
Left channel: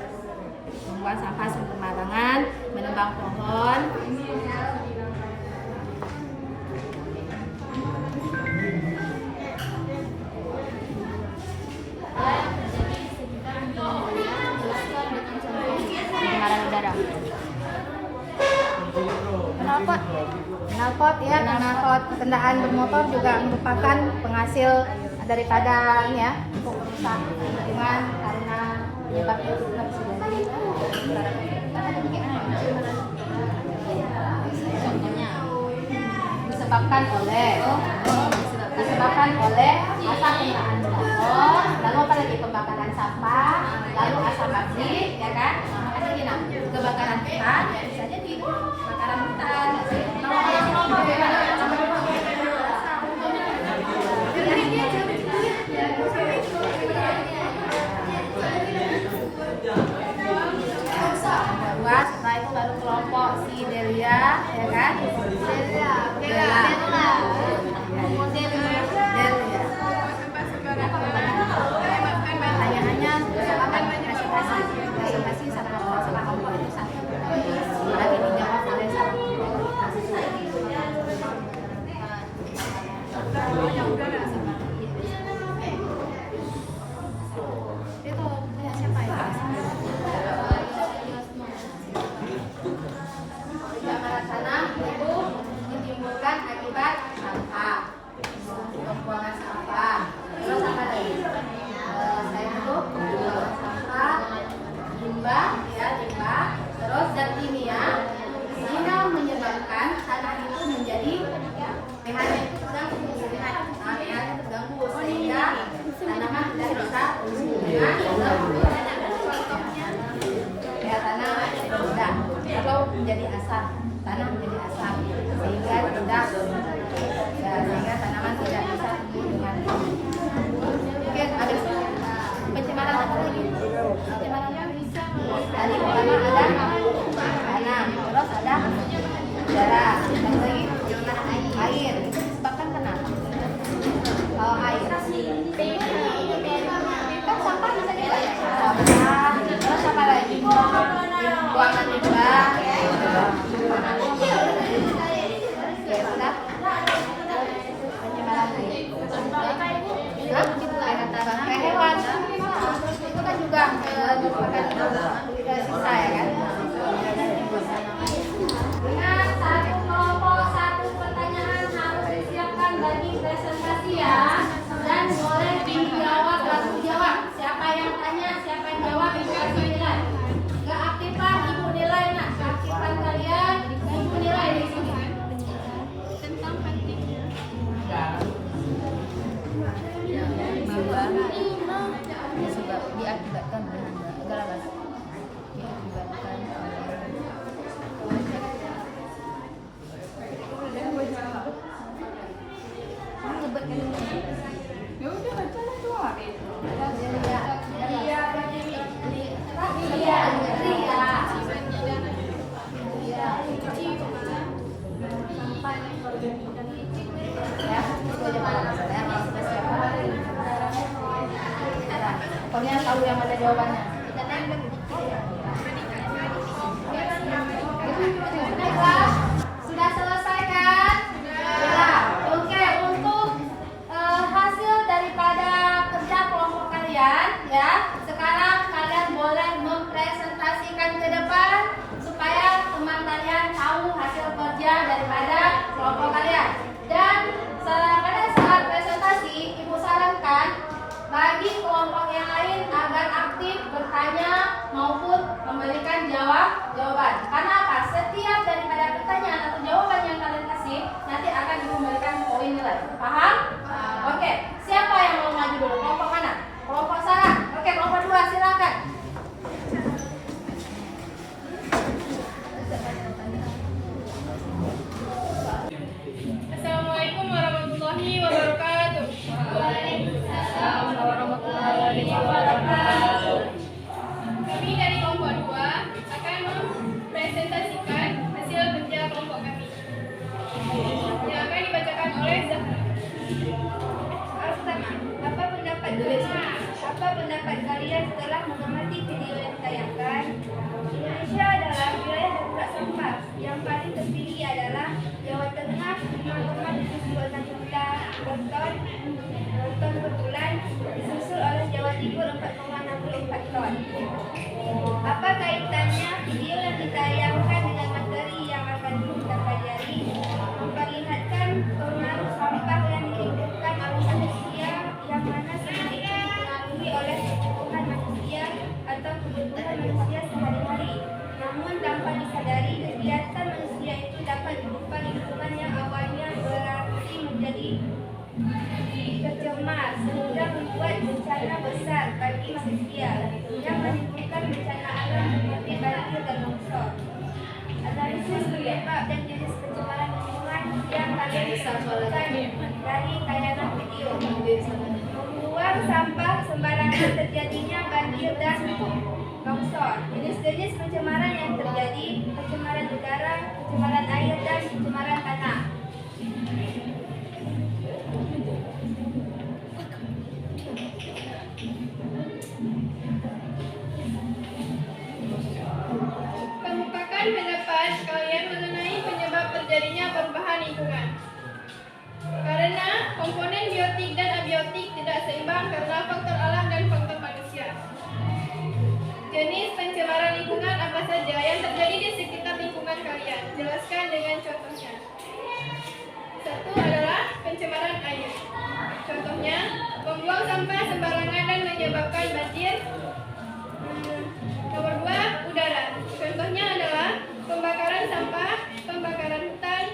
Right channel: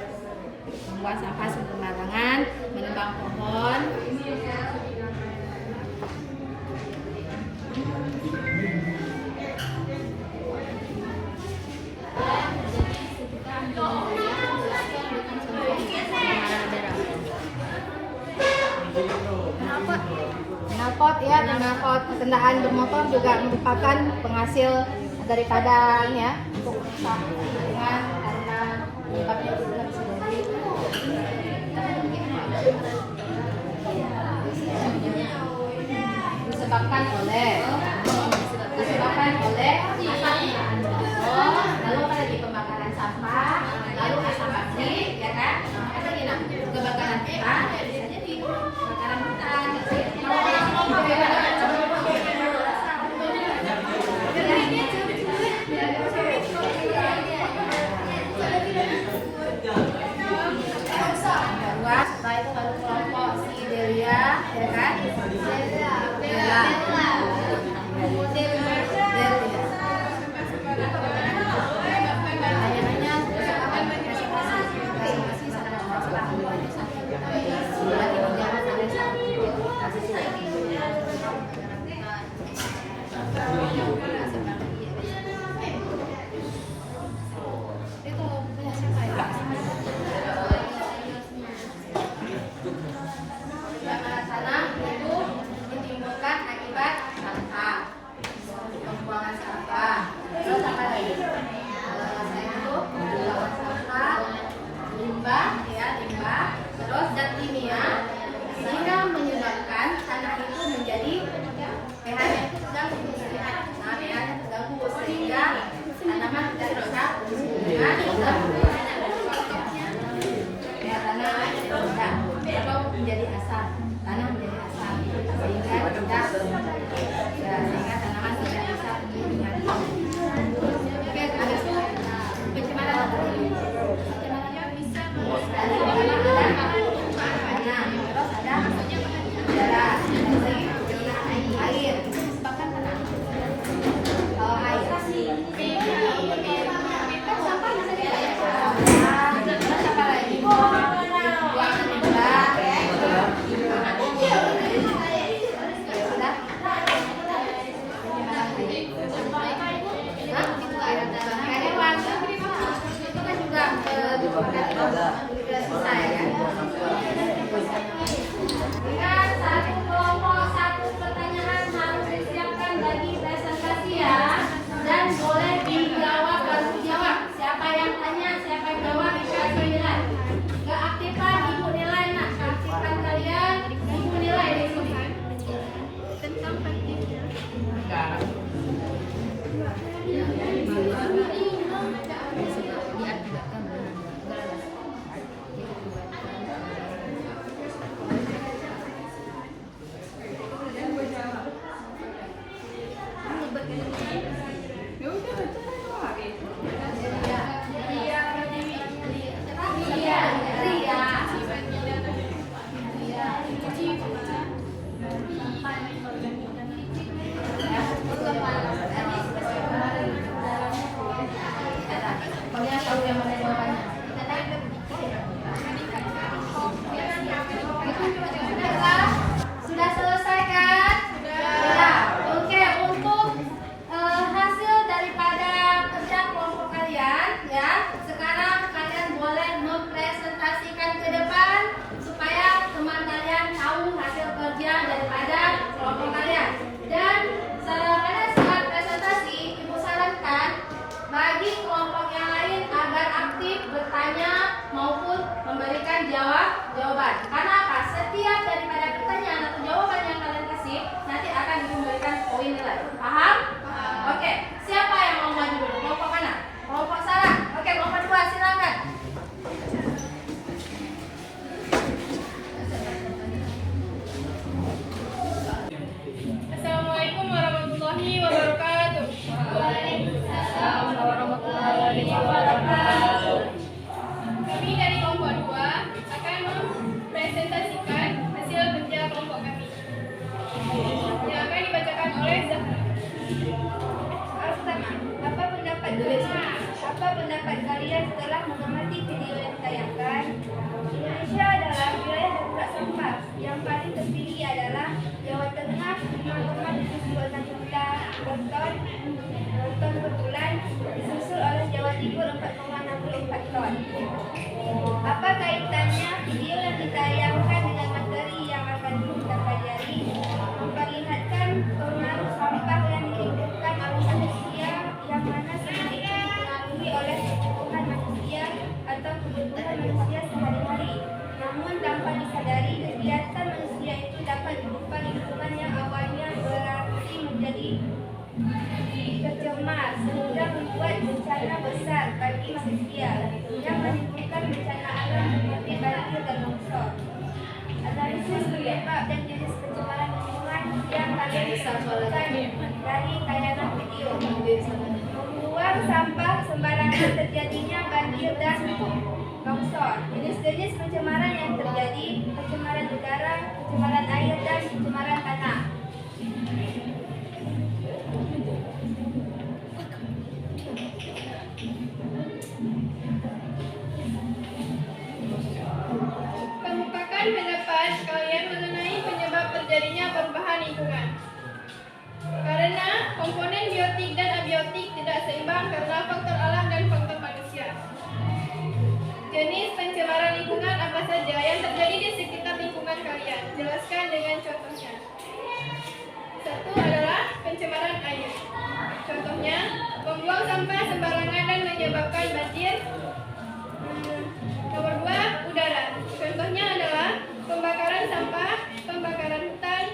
Membuang sampah sembarangan, menebang pohon. Knalpot ya, knalpot kendaraan bermotor juga merupakan penghasil daripada ini ya, untuk rusak lingkungan karena penyebabnya juga bisa jadi disebabkan oleh asap kendaraan bermotor, lalu apa lagi pembakaran sampah, lalu asap pabrik, ya kan? Makanya nah, kebakaran hutan bisa jadi kebakaran hutan. Setelah itu baru kelompok si Delia, ya kan? Delia. Hanya presentasi sama kelompok itu satu. Jadi menjawab oleh salah kelompok. bawahnya udara sih. Itu punya siapa ya? Pencemaran tanah itu ditimbulkan akibat sampah, pembuangan sampah. Terus apa lagi? Itu pembuangan sampah, limbah, ya limbah. Terus zat kimia sehingga menyebabkan tanah itu menjadi pH-nya itu terganggu. Nah, pH-nya terganggu sehingga tanaman tidak bisa tumbuh. Ya tanah rendah atau menjadi asam, tanah menjadi asam sehingga rendah, ya, sehingga tanaman tidak bisa tumbuh dengan baik. Oke, ada pencemaran apa lagi? Pencemaran bisa dari pertama ada tanah, terus ada udara, air. Bahkan kenapa? Kalau air kan sampah bisa diolah. Sampah, terus apa lagi? Buangan limbah. Hewan itu kan juga sisa ya. Dengan satu pertanyaan harus disiapkan bagi presentasi ya, dan oleh tim jawab baru jawab. Siapa yang tanya, siapa yang jawab dikasih nilai. Keaktifan ibu nilai, nak. Keaktifan kalian ibu nilai. Tentang pentingnya Kalian tahu yang mana jawabannya? Sudah selesai kan? Ya. Oke, untuk hasil daripada kerja kelompok kalian, ya. Sekarang kalian boleh mempresentasikan ke depan supaya teman kalian tahu hasil kerja daripada kelompok kalian. Dan kalian saat presentasi, ibu sarankan bagi kelompok yang lain agar aktif bertanya maupun memberikan jawaban. Karena apa? Setiap daripada pertanyaan atau jawaban yang kalian kasih nanti akan memberikan poin nilai. Paham? Oke. Siapa yang mau maju dulu? Kelompok mana? Kelompok Sarah. Oke, kelompok 2 silakan. Assalamualaikum warahmatullahi wabarakatuh. Waalaikumsalam warahmatullahi wabarakatuh. Kami dari kelompok 2 akan mempresentasikan hasil kerja kelompok kami yang akan dibacakan oleh Zahra. Pertama, apa pendapat kalian setelah mengamati video yang ditayangkan? Indonesia adalah wilayah darurat sampah. Yang paling tertinggi adalah Jawa Tengah 5,76 juta ton per bulan, disusul oleh Jawa Timur 4,64 ton. Apa kaitannya video yang ditayangkan dengan materi yang akan kita pelajari? Memperlihatkan pengaruh sampah yang ditimbulkan oleh manusia, yang mana sedikit dipengaruhi oleh kebutuhan manusia atau kebutuhan manusia sehari-hari. Namun tanpa disadari, kegiatan manusia itu dapat berupa lingkungan yang awalnya berarti menjadi tercemar sehingga membuat bencana besar bagi manusia yang menimbulkan bencana alam seperti banjir dan longsor. Analisis penyebab dan jenis pencemaran lingkungan yang kalian bisa lakukan dari tayangan video. Membuang sampah sembarangan, terjadinya banjir dan longsor. Jenis-jenis pencemaran yang terjadi: pencemaran udara, pencemaran air, dan pencemaran tanah. Kemukakan pendapat kalian mengenai penyebab terjadinya perubahan lingkungan. Karena komponen seimbang karena faktor alam dan faktor manusia. Jenis pencemaran lingkungan apa saja yang terjadi di sekitar lingkungan kalian? Jelaskan dengan contohnya. Satu adalah pencemaran air. Contohnya, membuang sampah sembarangan dan menyebabkan banjir. Nomor 2, udara. Contohnya adalah pembakaran sampah, pembakaran hutan,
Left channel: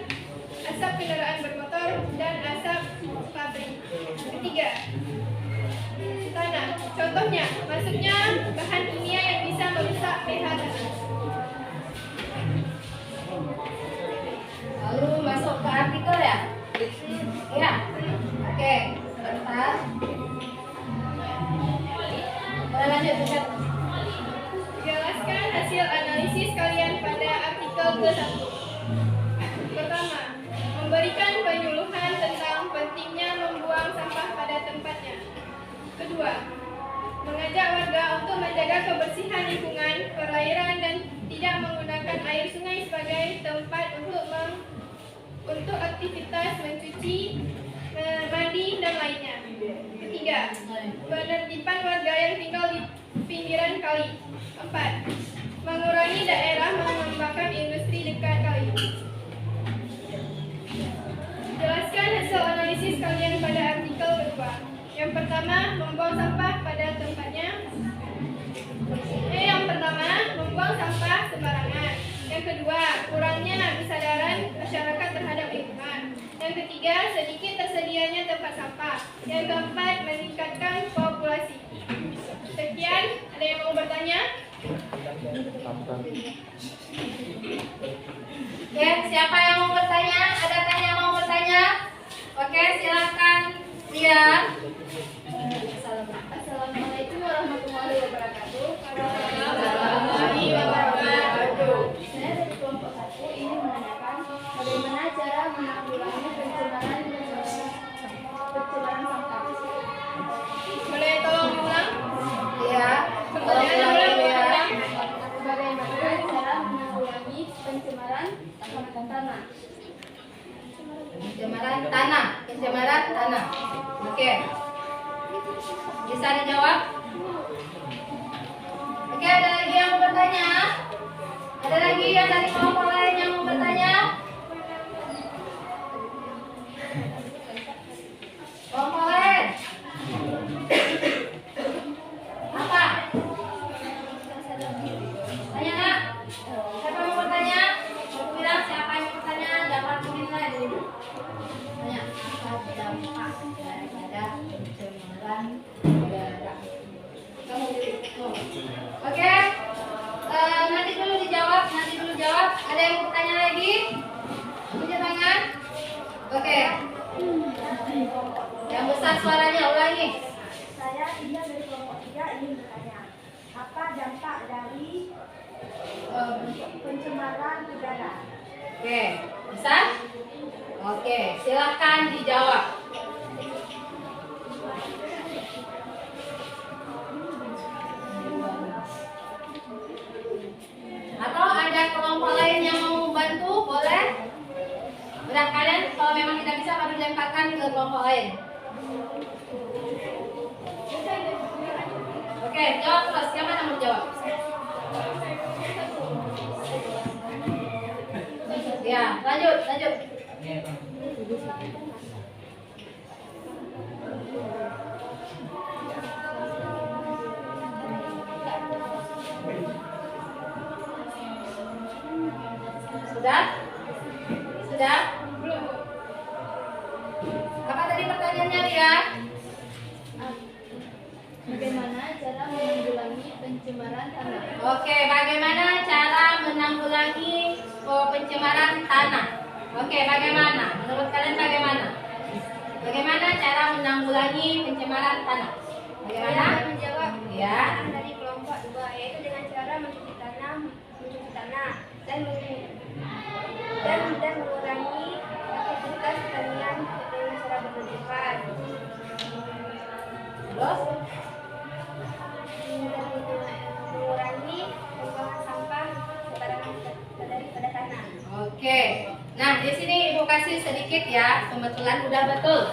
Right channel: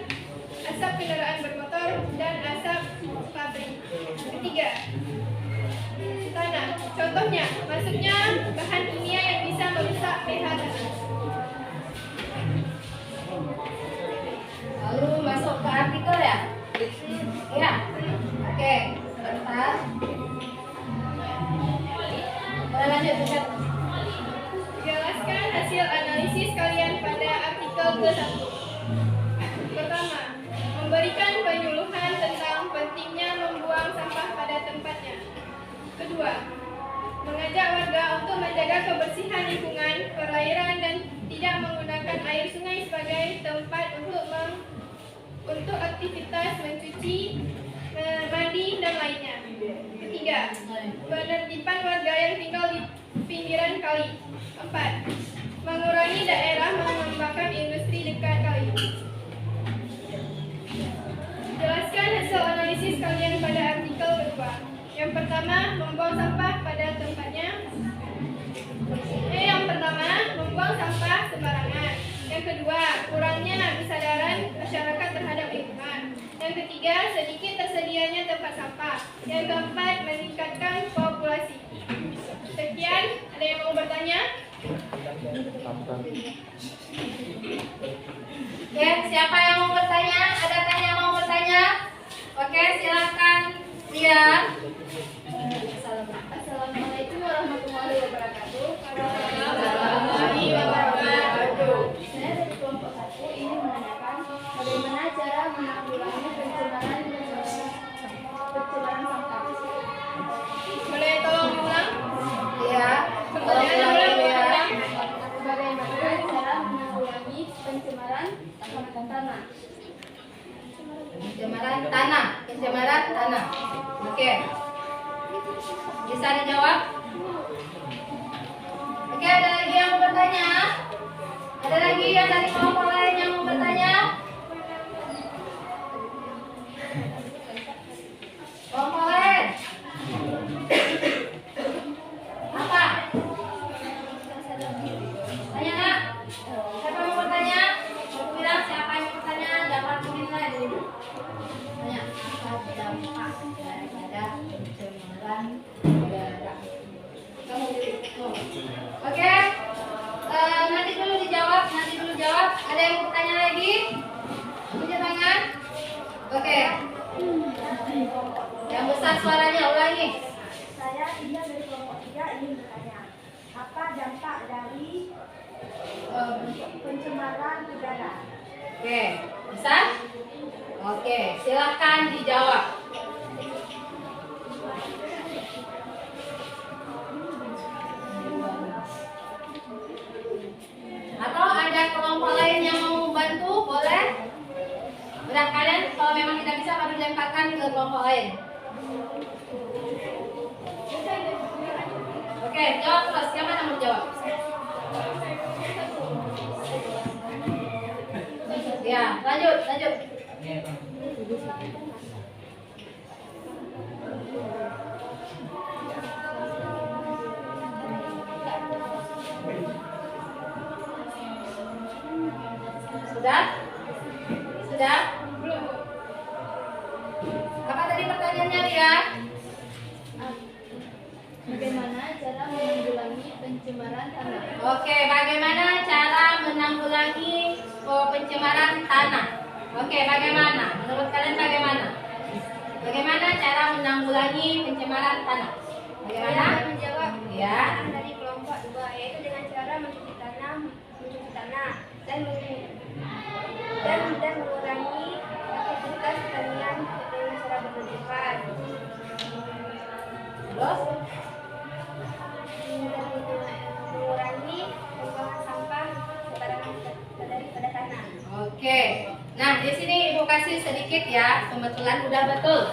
asap kendaraan bermotor, dan asap pabrik. Ketiga, tanah. Contohnya, masuknya bahan kimia yang bisa merusak pH tanah. Lalu masuk ke artikel ya? Iya. Oke, sebentar. Kita lanjut. Jelaskan hasil analisis kalian pada artikel ke-1. Pertama, memberikan penyuluhan tentang pentingnya membuang sampah pada tempatnya. Kedua, mengajak warga untuk menjaga kebersihan lingkungan, perairan, dan tidak menggunakan air sungai sebagai tempat untuk aktivitas mencuci, mandi, dan lainnya. Ketiga, penertiban warga yang tinggal di pinggiran kali. 4. Mengurangi daerah mengembangkan industri dekat kali. Jelaskan hasil analisis kalian pada artikel kedua. Yang pertama, membuang sampah pada tempatnya. Yang pertama, membuang sampah sembarangan. Yang kedua, kurangnya kesadaran masyarakat terhadap lingkungan. Yang ketiga, sedikit tersedianya tempat sampah. Yang keempat, meningkatkan populasi. Sekian, ada yang mau bertanya? Oke, siapa yang mau bertanya? Adakah yang mau bertanya? Oke, silakan. Lihat. Assalamualaikum warahmatullahi wabarakatuh. Warahmatullahi wabarakatuh. Saya dari kelompok 1 ingin menanyakan bagaimana cara menanggulangi pencemaran sampah. Boleh tolong diulang? Iya. Pertanyaan ulang. Bagaimana cara menanggulangi pencemaran tanah? Pencemaran tanah. Oke. Bisa dijawab? Oke, ada lagi yang mau bertanya? Ada lagi yang dari kelompok lain yang mau bertanya? Kelompok lain? Apa? Tanya nak? Siapa yang mau bertanya? Aku bilang siapa yang mau bertanya? Dapat menilai dari ibu. Tanya. Apa dampak daripada pencemaran udara? Kamu pilih. Oke. Nanti dulu dijawab. Ada yang mau bertanya lagi? Tunjuk tangan. Oke. Yang besar suaranya ulangi. Saya Ida dari kelompok 3 ingin bertanya, apa dampak dari pencemaran udara? Oke, bisa? Oke, silakan dijawab. Atau ada kelompok lain yang mau bantu, boleh? Udah, kalian kalau memang tidak bisa baru lemparkan ke kelompok lain. Oke, jawab terus. Siapa yang mau jawab? Ya, lanjut. Sudah? Belum. Apa tadi pertanyaannya, Ria? Bagaimana cara menanggulangi pencemaran tanah? Oke, bagaimana cara menanggulangi pencemaran tanah? Oke, bagaimana? Menurut kalian bagaimana? Bagaimana cara menanggulangi pencemaran tanah? Bagaimana? Saya menjawab Ya. dari kelompok 2, yaitu dengan cara mencuci tanah dan mengurangi aktivitas pertanian dengan cara berlebihan. Terus? Mengurangi pembuangan sampah sembarangan pada tanah. Oke. Nah, di sini Ibu kasih kasih sedikit ya. Kebetulan udah betul.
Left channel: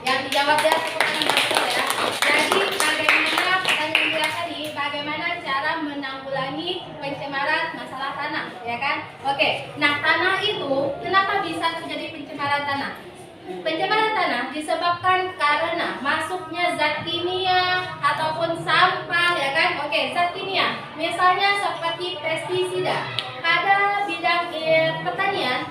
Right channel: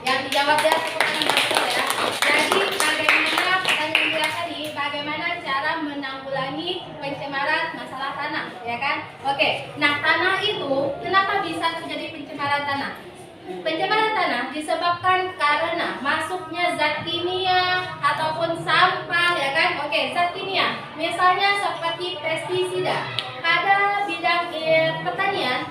Yang dijawab ya betul ya. Jadi bagaimana pertanyaan dia tadi? Bagaimana cara menanggulangi pencemaran masalah tanah, ya kan? Oke. Nah, tanah itu kenapa bisa terjadi pencemaran tanah? Pencemaran tanah disebabkan karena masuknya zat kimia ataupun sampah, ya kan? Oke, zat kimia. Misalnya seperti pestisida. Pada bidang pertanian,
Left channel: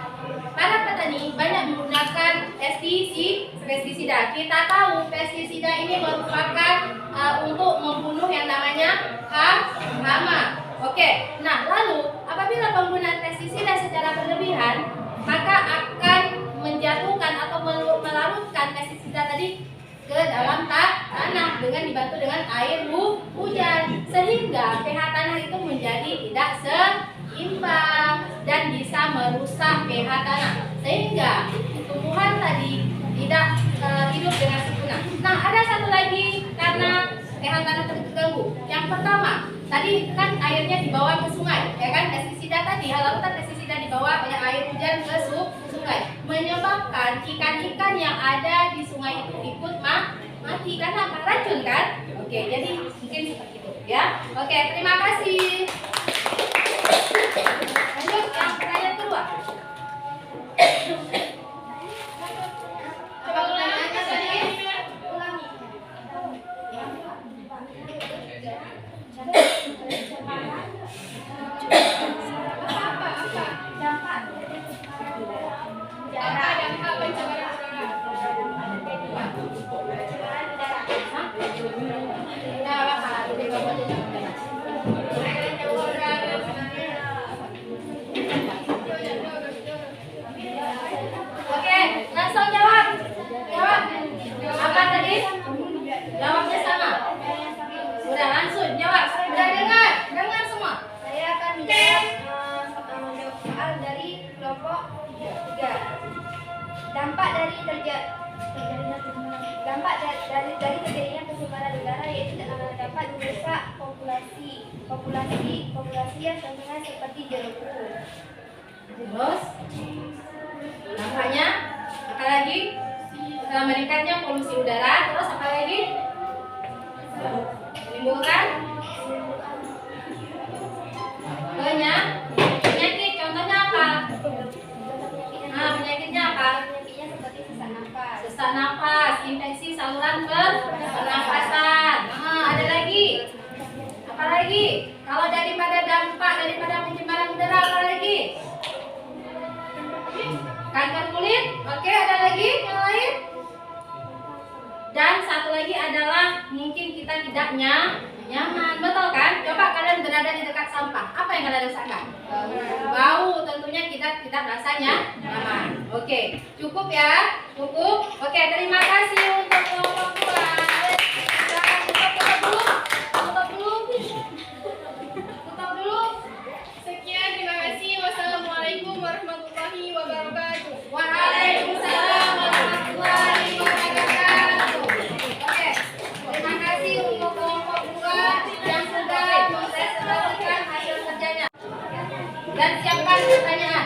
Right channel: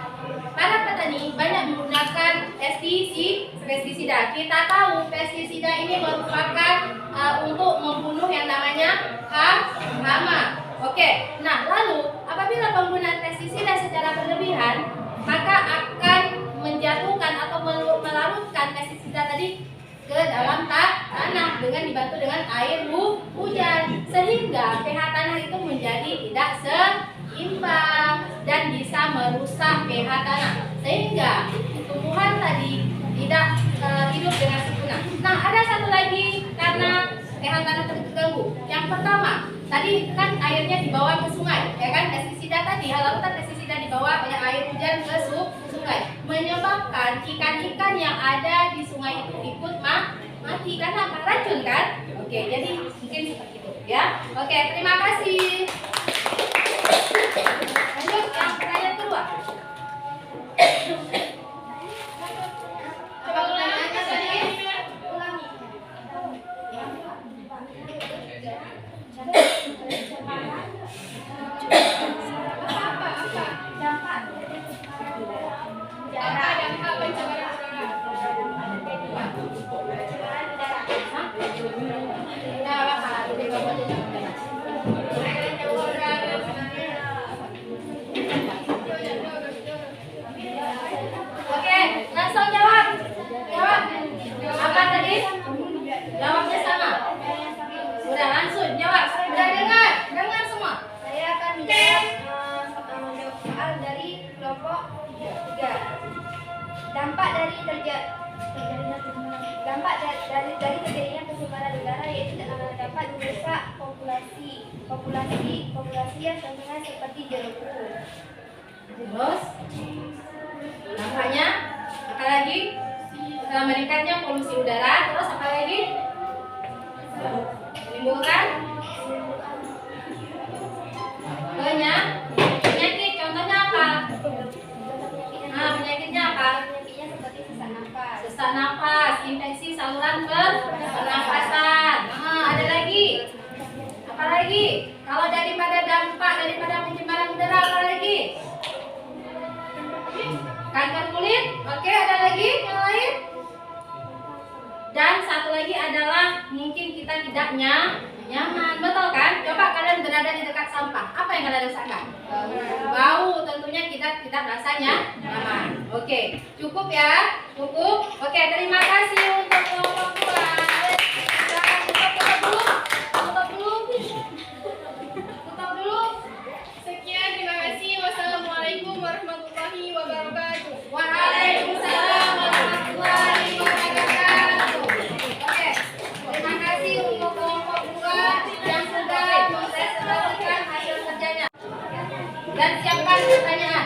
para petani banyak menggunakan pestisida. Kita tahu pestisida ini merupakan untuk membunuh yang namanya hama. Oke. Nah, lalu apabila penggunaan pestisida secara berlebihan, maka akan menjatuhkan atau melarutkan pestisida tadi ke dalam tanah dengan dibantu dengan air hujan, sehingga pH tanah itu menjadi tidak seimbang dan bisa merusak pH tanah, sehingga tumbuhan tadi tidak hidup dengan sempurna. Nah, ada satu lagi karena pH tanah terganggu. Yang pertama, tadi kan airnya dibawa ke sungai, ya kan? Pestisida tadi, larutan pestisida dibawa oleh air hujan ke sungai, menyebabkan ikan-ikan yang ada di sungai itu ikut mati karena apa? Racun kan? Oke, jadi mungkin seperti itu ya. Oke, terima kasih. Lanjut yang pertanyaan kedua. Coba ulangi tadi. Apa dampak pencemaran udara? Oke, langsung jawab. Apa tadi? Jawabnya sama. Udah langsung jawab. Udah dengar semua. Saya akan menjawab soal dari kelompok 3. Dampak dari terjadinya pencemaran udara yaitu dapat merusak populasi yang terkenal seperti jeruk. Terus dampaknya apa lagi? Meningkatnya polusi udara. Terus apa lagi? Menimbulkan penyakit. Contohnya apa? Penyakitnya apa? Penyakitnya seperti Sesak napas, infeksi saluran pernafasan. Ada lagi? Apa lagi? Kalau daripada pencemaran udara, apa lagi? Kanker kulit. Oke, ada lagi yang lain? Dan satu lagi adalah mungkin kita tidak nyaman, betul kan? Coba kalian berada di dekat sampah, apa yang kalian rasakan? Bau, tentunya kita tidak rasanya nyaman. Oke, cukup ya, cukup. Oke, terima kasih untuk kelompok 2. Silakan tutup dulu. Sekian, terima kasih. Wassalamualaikum warahmatullahi wabarakatuh. Waalaikumsalam warahmatullahi wabarakatuh. Oke, terima kasih untuk kelompok 2 yang sudah mempresentasikan hasil kerjanya. Dan siapkan pertanyaan.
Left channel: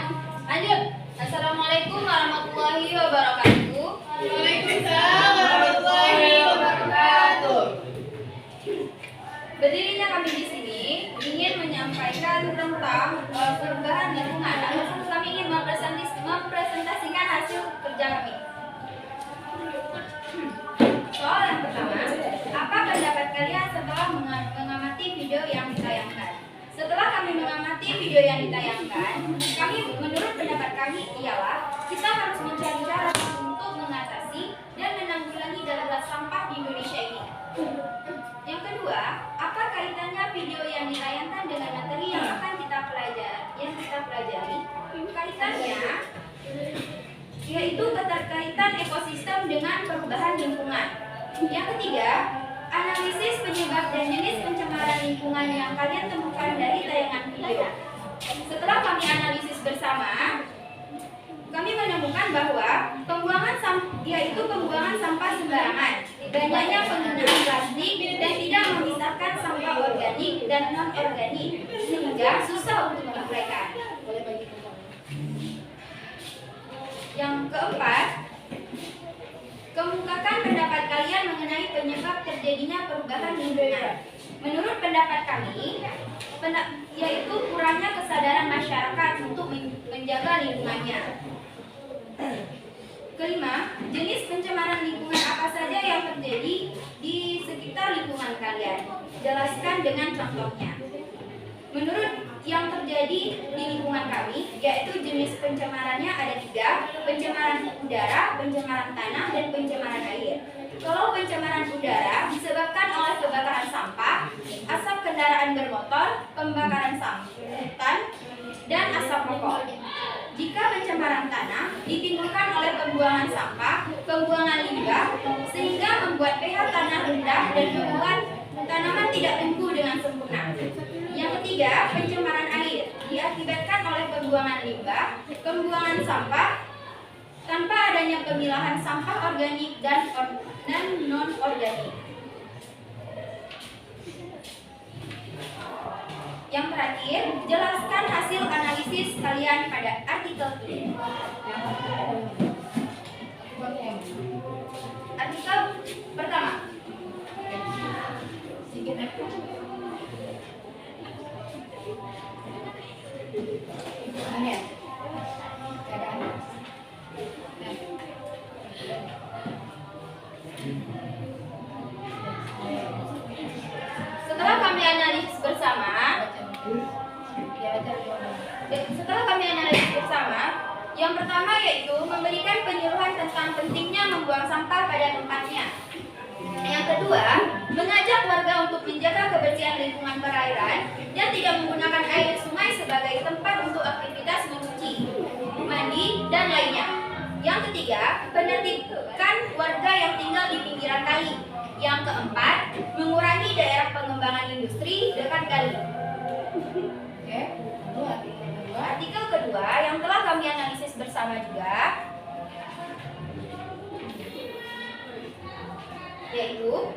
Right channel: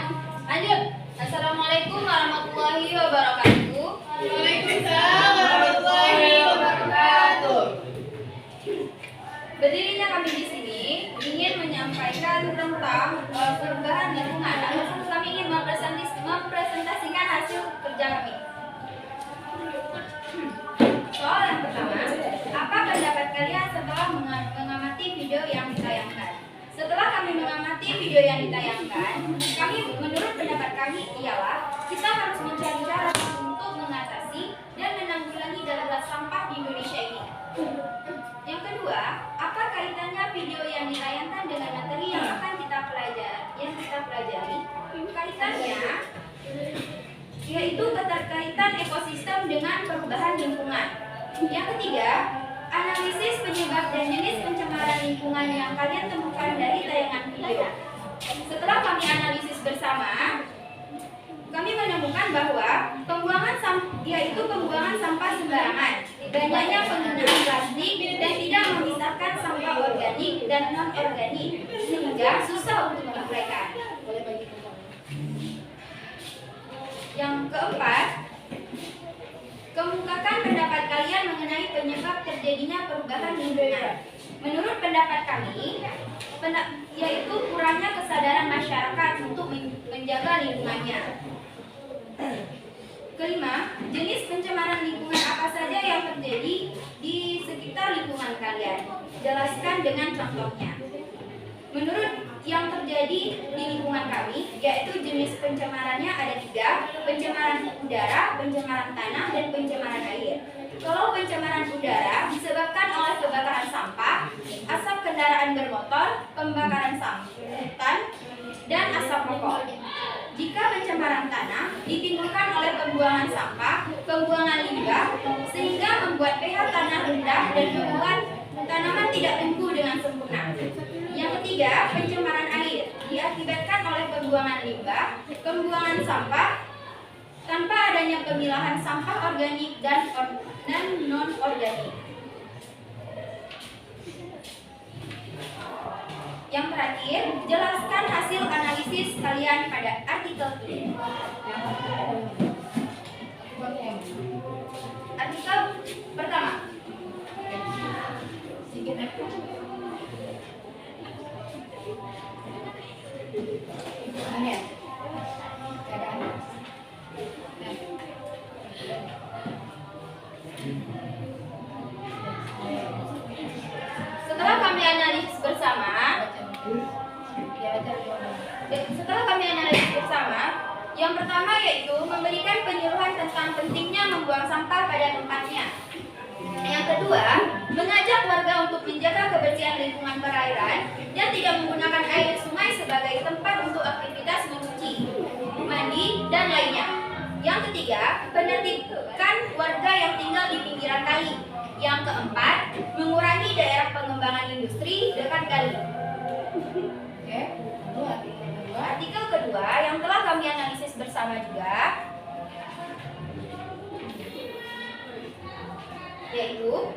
Lanjut. Assalamualaikum warahmatullahi wabarakatuh. Waalaikumsalam warahmatullahi wabarakatuh. Berdirinya kami di sini ingin menyampaikan tentang perubahan lingkungan. Lalu kami ingin mempresentasikan hasil kerja kami. Soal yang pertama, apa pendapat kalian setelah mengamati video yang ditayangkan? Setelah kami mengamati video yang ditayangkan, menurut pendapat kami ialah kita harus mencari cara untuk mengatasi dan menanggulangi darurat sampah di Indonesia ini. Yang kedua, apa kaitannya video yang ditayangkan dengan materi yang akan kita pelajari? Kaitannya yaitu keterkaitan ekosistem dengan perubahan lingkungan. Yang ketiga, analisis penyebab dan jenis pencemaran lingkungan yang kalian temukan dari tayangan video. Setelah kami analisis bersama, kami menemukan bahwa pembuangan sampah sembarangan, banyaknya penggunaan plastik dan tidak memisahkan sampah organik dan non organik sehingga susah untuk menguraikan. Yang keempat, kemukakan pendapat kalian mengenai penyebab terjadinya perubahan lingkungan. Menurut pendapat kami, yaitu kurangnya kesadaran masyarakat untuk menjaga lingkungannya. Kelima, jenis pencemaran lingkungan apa saja yang terjadi di sekitar lingkungan kalian? Jelaskan dengan contohnya. Menurut yang terjadi di lingkungan kami, yaitu jenis pencemarannya ada 3, pencemaran udara, pencemaran tanah, dan pencemaran air. Kalau pencemaran udara disebabkan oleh kebakaran sampah, asap kendaraan bermotor, pembakaran sampan, dan asap rokok. Jika pencemaran tanah ditimbulkan oleh pembuangan sampah, pembuangan limbah, sehingga membuat pH tanah rendah dan membuat tanaman tidak tumbuh dengan sempurna. Yang ketiga, pencemaran air diakibatkan oleh pembuangan limbah, pembuangan sampah, tanpa adanya pemilahan sampah organik dan non-organik. Yang terakhir, jelaskan hasil analisis kalian pada artikel ini. Artikel pertama. Setelah kami analisis bersama, yang pertama yaitu memberikan penyuluhan tentang pentingnya membuang sampah pada tempatnya. Yang kedua, mengajak warga untuk menjaga kebersihan lingkungan perairan dan tidak menggunakan air sungai sebagai tempat untuk aktivitas mencuci, mandi, dan lainnya. Yang ketiga, penertibkan warga yang tinggal di pinggiran kali. Yang keempat, mengurangi daerah pengembangan industri dekat kali. Oke, artikel kedua yang telah kami analisis bersama juga, yaitu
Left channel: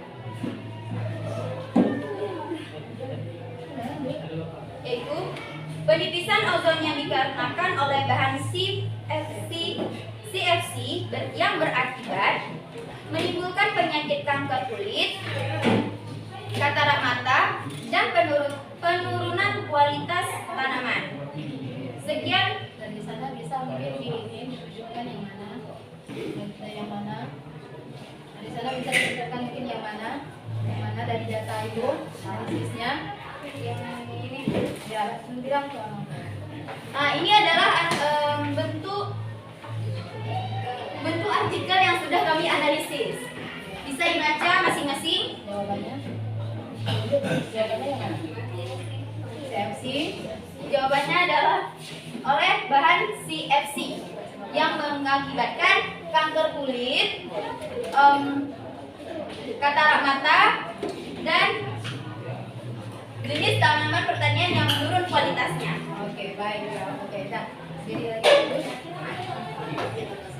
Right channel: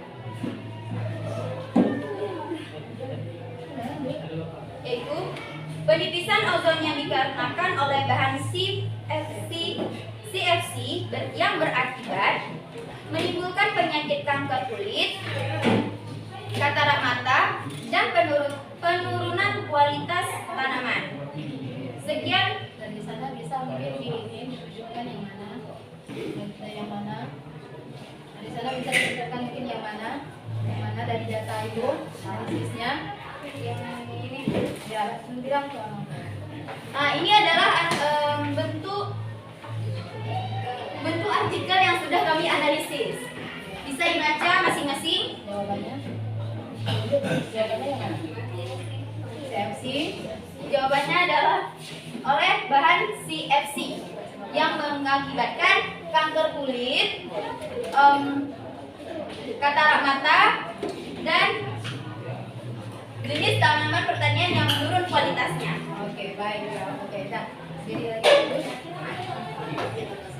penipisan ozon yang dikarenakan oleh bahan CFC yang berakibat menimbulkan penyakit kanker kulit, katarak mata, dan penurunan kualitas tanaman. Sekian dari sana, bisa mungkin ditunjukkan yang mana. Di sana bisa ditunjukkan mungkin yang mana dari data itu analisisnya. Yang ini ya bilang. Nah, ini adalah bentuk artikel yang sudah kami analisis. Bisa dibaca masing-masing jawabannya. Jawabannya yang mana? CFC. Jawabannya adalah oleh bahan CFC yang mengakibatkan kanker kulit, katarak mata, dan jenis tanaman pertanian yang menurun kualitasnya. Oke, baik. Oke, nah, jadi lagi.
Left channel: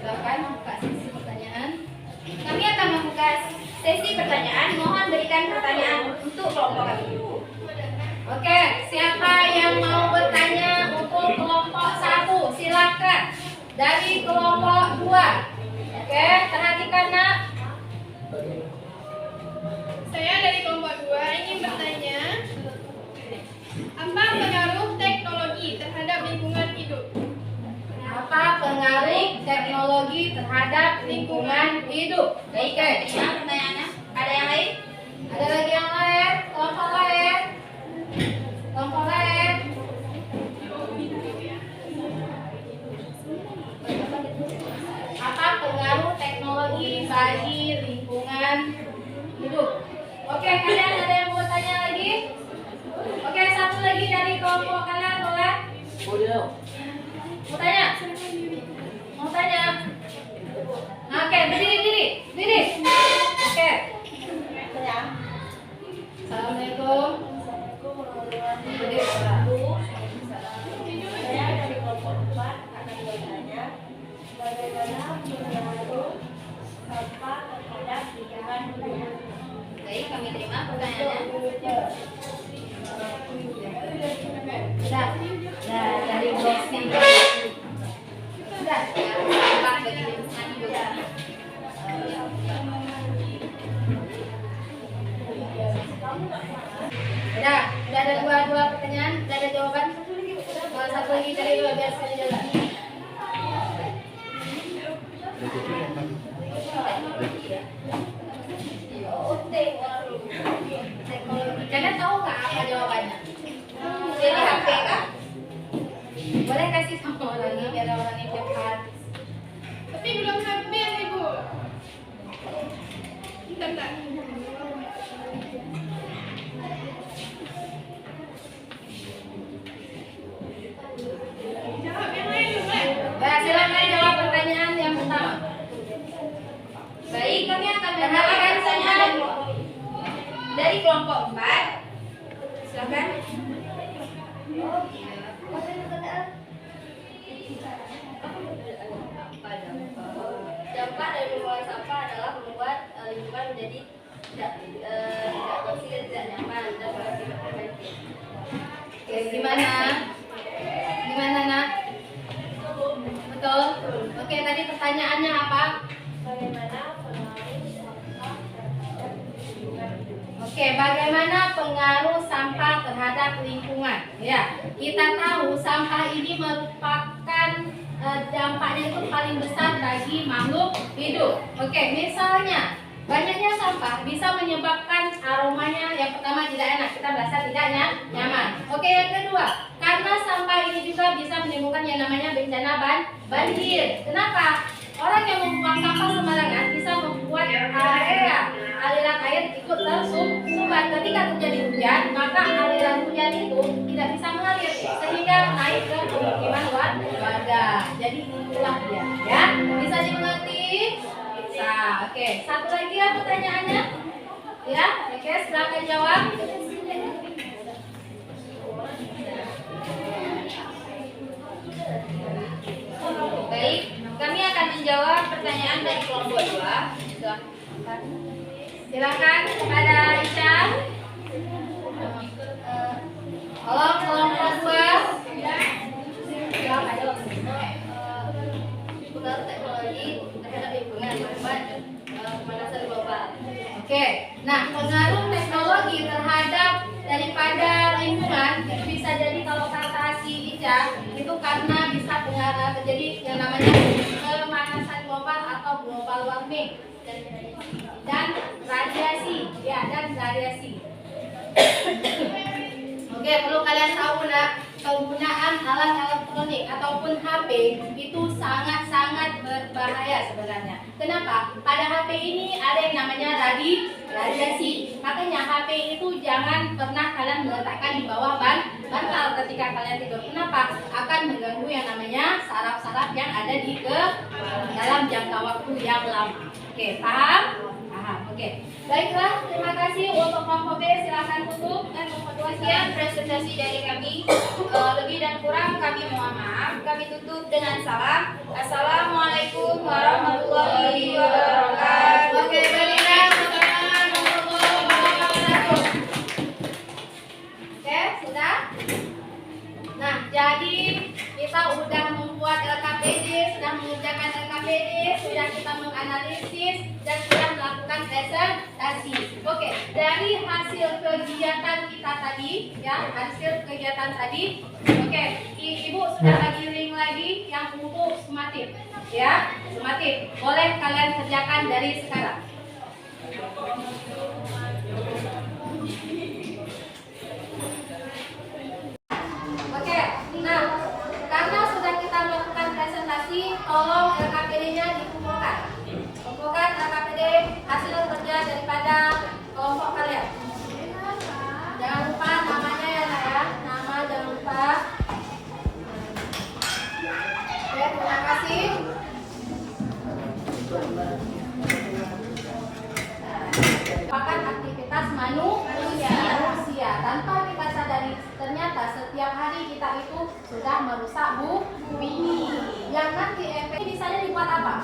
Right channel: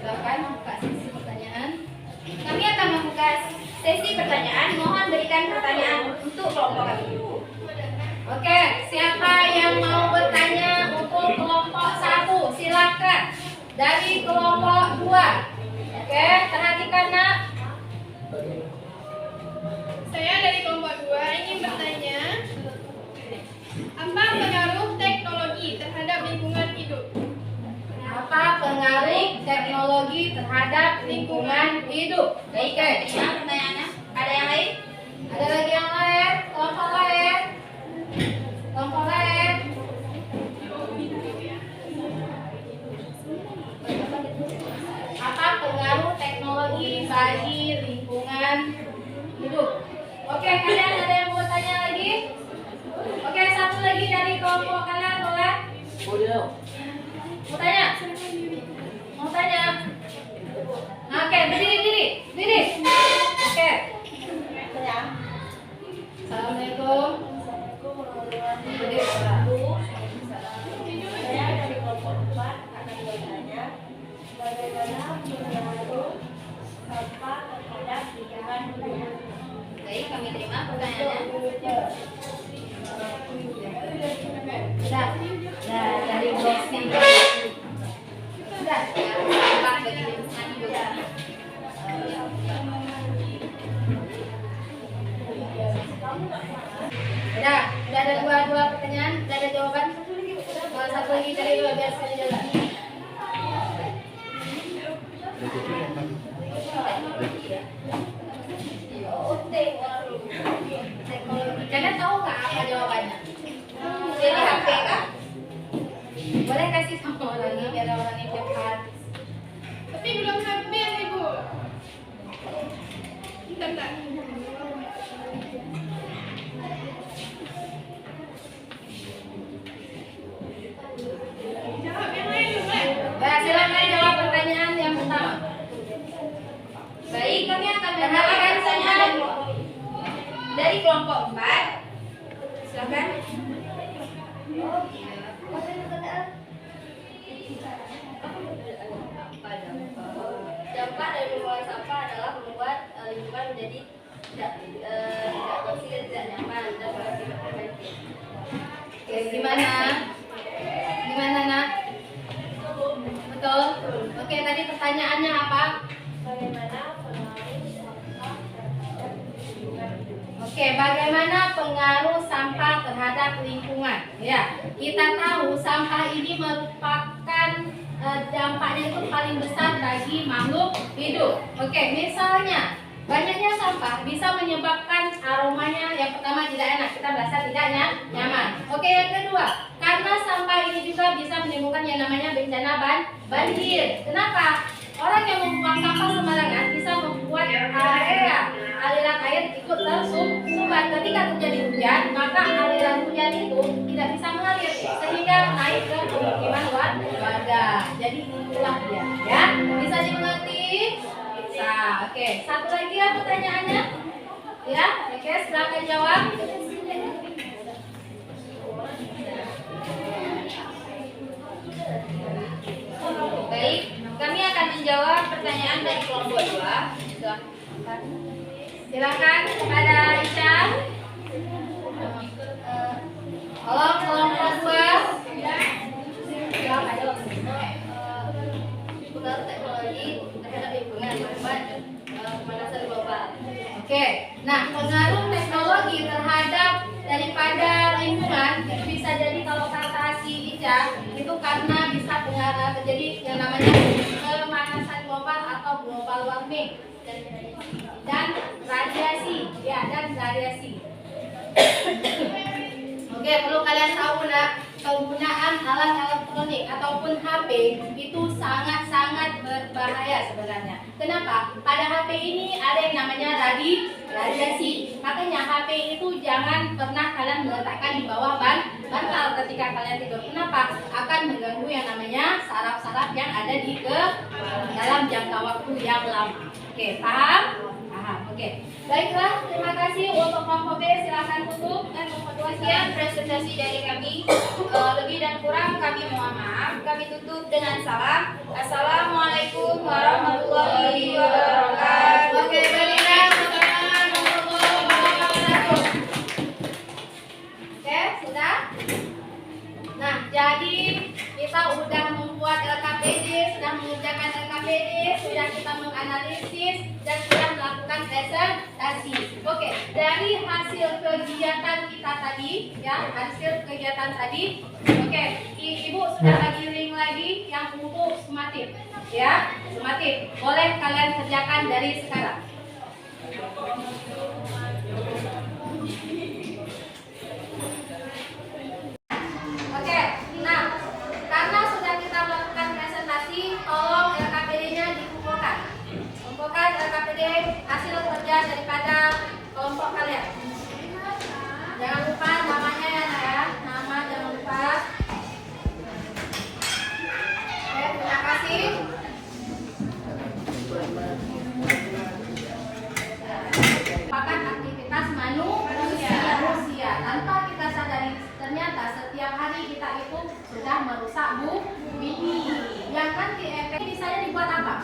Silakan buka sesi pertanyaan. Kami akan membuka sesi pertanyaan. Mohon berikan pertanyaan untuk kelompok kami. Oke, siapa yang mau bertanya untuk kelompok 1? Silakan. Dari kelompok 2. Oke, perhatikan nak. Saya dari kelompok 2 ingin bertanya, apa pengaruh teknologi terhadap lingkungan hidup? Apa pengaruh teknologi terhadap lingkungan hidup? Baik, terima pertanyaannya. Ada yang lain? Ada lagi yang lain? Kelompok lain? Kelompok lain? Apa pengaruh teknologi bagi lingkungan hidup? Oke, kalian ada yang mau tanya lagi? Oke, satu lagi dari kelompok kalian boleh? Mau tanya? Mau tanya? Oke, berdiri. Oke. Assalamualaikum. Saya dari kelompok 4 akan bertanya bagaimana pengaruh sampah terhadap lingkungan hidup. Baik, kami terima pertanyaannya. Sudah. Nah, dari blok C. Sudah. biar sekali jalan. Kalian tahu nggak apa jawabannya? Jadi HP kan? Boleh kasih sama orang ini biar orang ini cepat. Tapi belum habis Ibu. Bentar. Jawab yang lain dulu. Ya, silakan jawab pertanyaan yang pertama. Baik, kami akan mendengarkan pertanyaan dari kelompok 4. Silakan. Dampak dari pembuangan sampah adalah membuat lingkungan menjadi tidak bersih dan tidak nyaman dan berakibat preventif. Oke, gimana? Gimana, Nak? Betul? Oke, tadi pertanyaannya apa? Bagaimana pengaruh sampah terhadap lingkungan? Oke, bagaimana pengaruh sampah terhadap lingkungan? Ya, kita tahu sampah ini merupakan dampaknya itu paling besar bagi makhluk hidup. Oke, misalnya banyaknya sampah bisa menyebabkan aromanya yang pertama tidak enak, kita merasa tidak nyaman. Oke, yang kedua, karena sampah ini juga bisa menimbulkan yang namanya bencana banjir. Kenapa? Orang yang membuang sampah sembarangan bisa membuat area aliran air ikut tersumbat. Ketika terjadi hujan, maka aliran hujan itu tidak bisa mengalir sehingga naik ke pemukiman warga. Jadi itulah dia, ya. Bisa dimengerti? Bisa. Oke, satu lagi ya pertanyaannya. Ya, oke, silakan jawab. Baik, kami akan menjawab pertanyaan dari kelompok 2. Silakan kepada Isya. Halo kelompok 2. Jawab aja. Pengaruh teknologi terhadap lingkungan membuat pemanasan global. Oke, nah pengaruh teknologi terhadap daripada lingkungan itu bisa jadi kalau kata si Ica itu karena bisa terjadi yang namanya pemanasan global atau global warming dan radiasi, ya, dan radiasi. Oke, perlu kalian tahu nak, penggunaan alat elektronik ataupun HP itu sangat-sangat berbahaya sebenarnya. Kenapa? Pada HP ini ada yang namanya radiasi. Makanya HP itu jangan pernah kalian meletakkan di bawah bantal ketika kalian tidur. Kenapa? Akan mengganggu yang namanya saraf-saraf yang ada di dalam jangka waktu yang lama. Oke, paham? Paham. Oke. Baiklah, terima kasih untuk kelompok B, silakan tutup dan kelompok 2 Sekian presentasi dari kami. Lebih dan kurang kami mohon maaf. Kami tutup dengan salam. Assalamualaikum warahmatullahi wabarakatuh. Oke, baiklah. Oke, sudah? Nah, jadi kita sudah membuat LKPD, sudah mengerjakan LKPD, sudah kita menganalisis dan sudah melakukan presentasi. Oke, dari hasil kegiatan kita tadi, ya, hasil kegiatan tadi, oke, Ibu sudah bagi link lagi yang untuk sumatif, ya, sumatif. Boleh kalian kerjakan dari sekarang. Oke, nah, karena sudah kita melakukan presentasi, tolong LKPD-nya dikumpulkan. Kumpulkan LKPD hasil kerja daripada kelompok kalian. Jangan lupa namanya ya, Nak, ya. Nama jangan lupa. Oke, terima kasih. Merupakan aktivitas manusia. Tanpa kita sadari, ternyata setiap hari kita itu sudah merusak bumi. Yang nanti efek misalnya dibuat apa?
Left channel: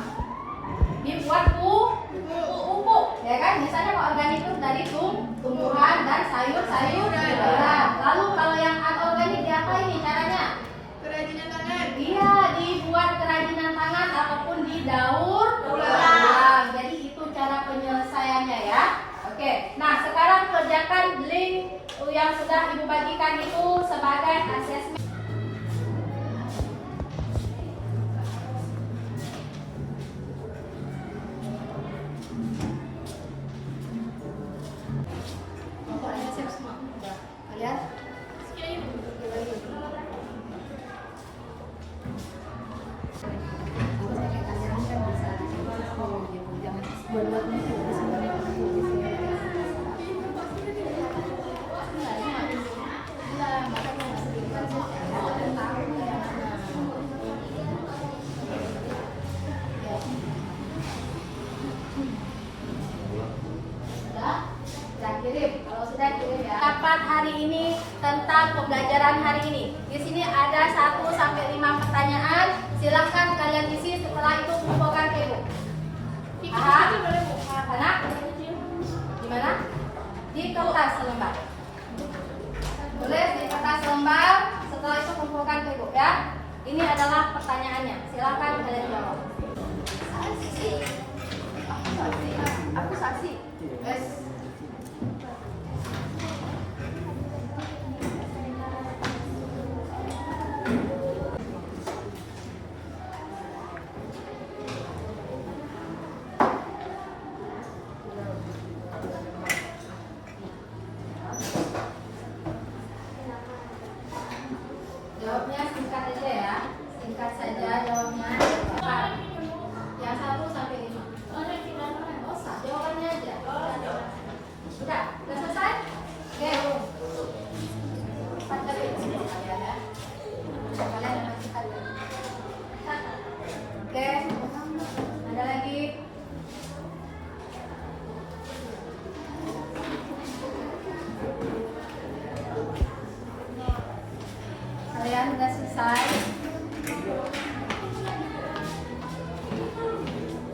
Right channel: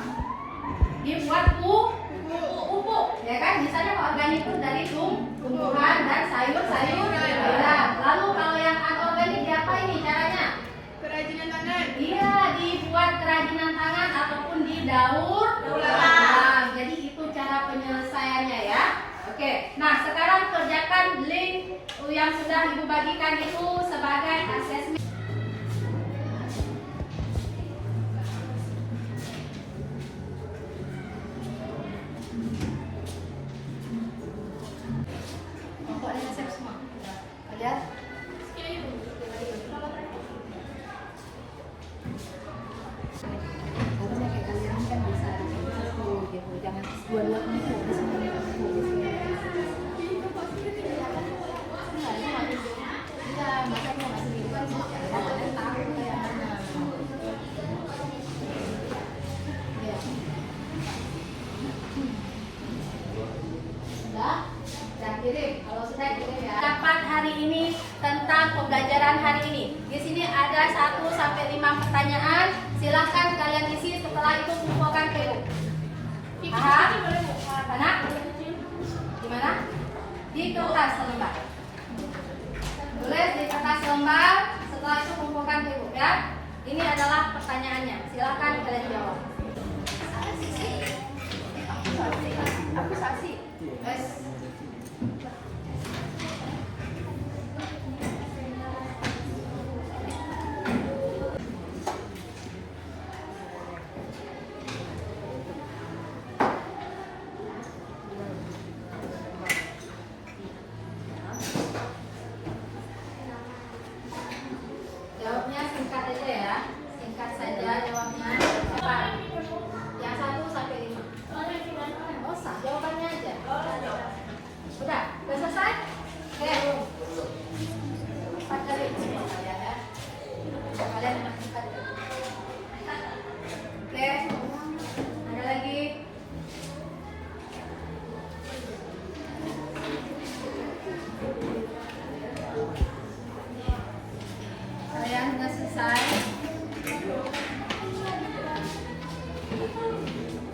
Dibuat pupuk, ya kan? Misalnya organik itu dari tumbuhan dan sayur-sayuran. Lalu kalau yang anorganik apa ini caranya? Kerajinan tangan. Iya, dibuat kerajinan tangan ataupun didaur ulang. Jadi itu cara penyelesaiannya ya. Oke, nah sekarang kerjakan link yang sudah Ibu bagikan itu sebagai asesmen. Kirim, kalau sudah kirim ya. Rapat hari ini tentang pembelajaran hari ini. Di sini ada 1 sampai 5 pertanyaan. Silakan kalian isi, setelah itu kumpulkan ke ibu. Aha, mana? Di mana? Di kertas selembar. Boleh di kertas selembar. Setelah itu kumpulkan ke ibu ya. Ini adalah pertanyaannya. Silakan kalian jawab. Aku saksi. Yes. Jawabnya singkat aja ya, singkat saja jawabnya. Yang 1 sampai 5. Oh, jawabannya aja. Sudah selesai? Oke. Cepat dari itu ya. Kalian masukkan. Oke. Ada lagi? Kalian sudah selesai?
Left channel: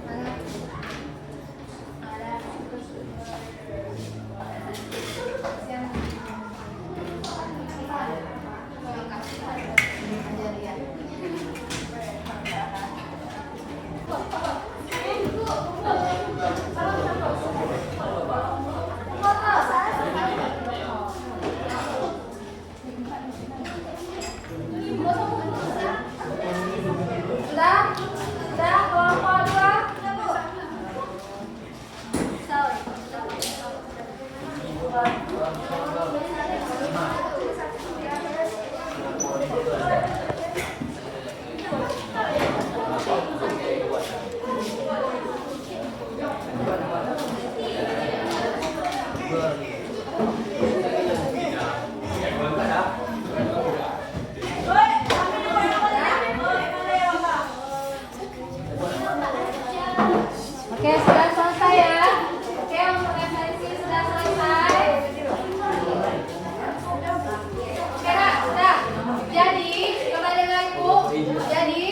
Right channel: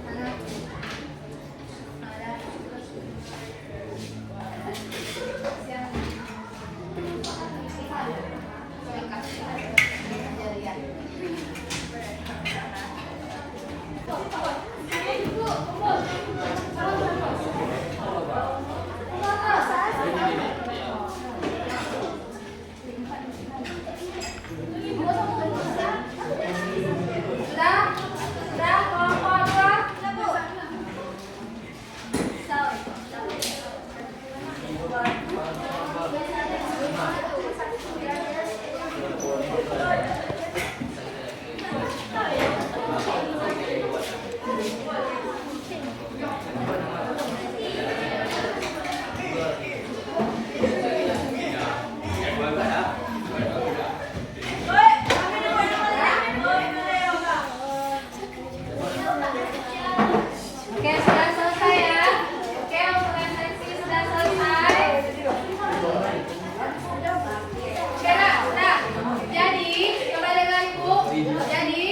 Mana? Ada. Yang Sudah, kelompok 2. Oke, sudah selesai ya. Oke, untuk resensi sudah selesai. Oke, sudah. Jadi, kembali lagi Bu. Jadi,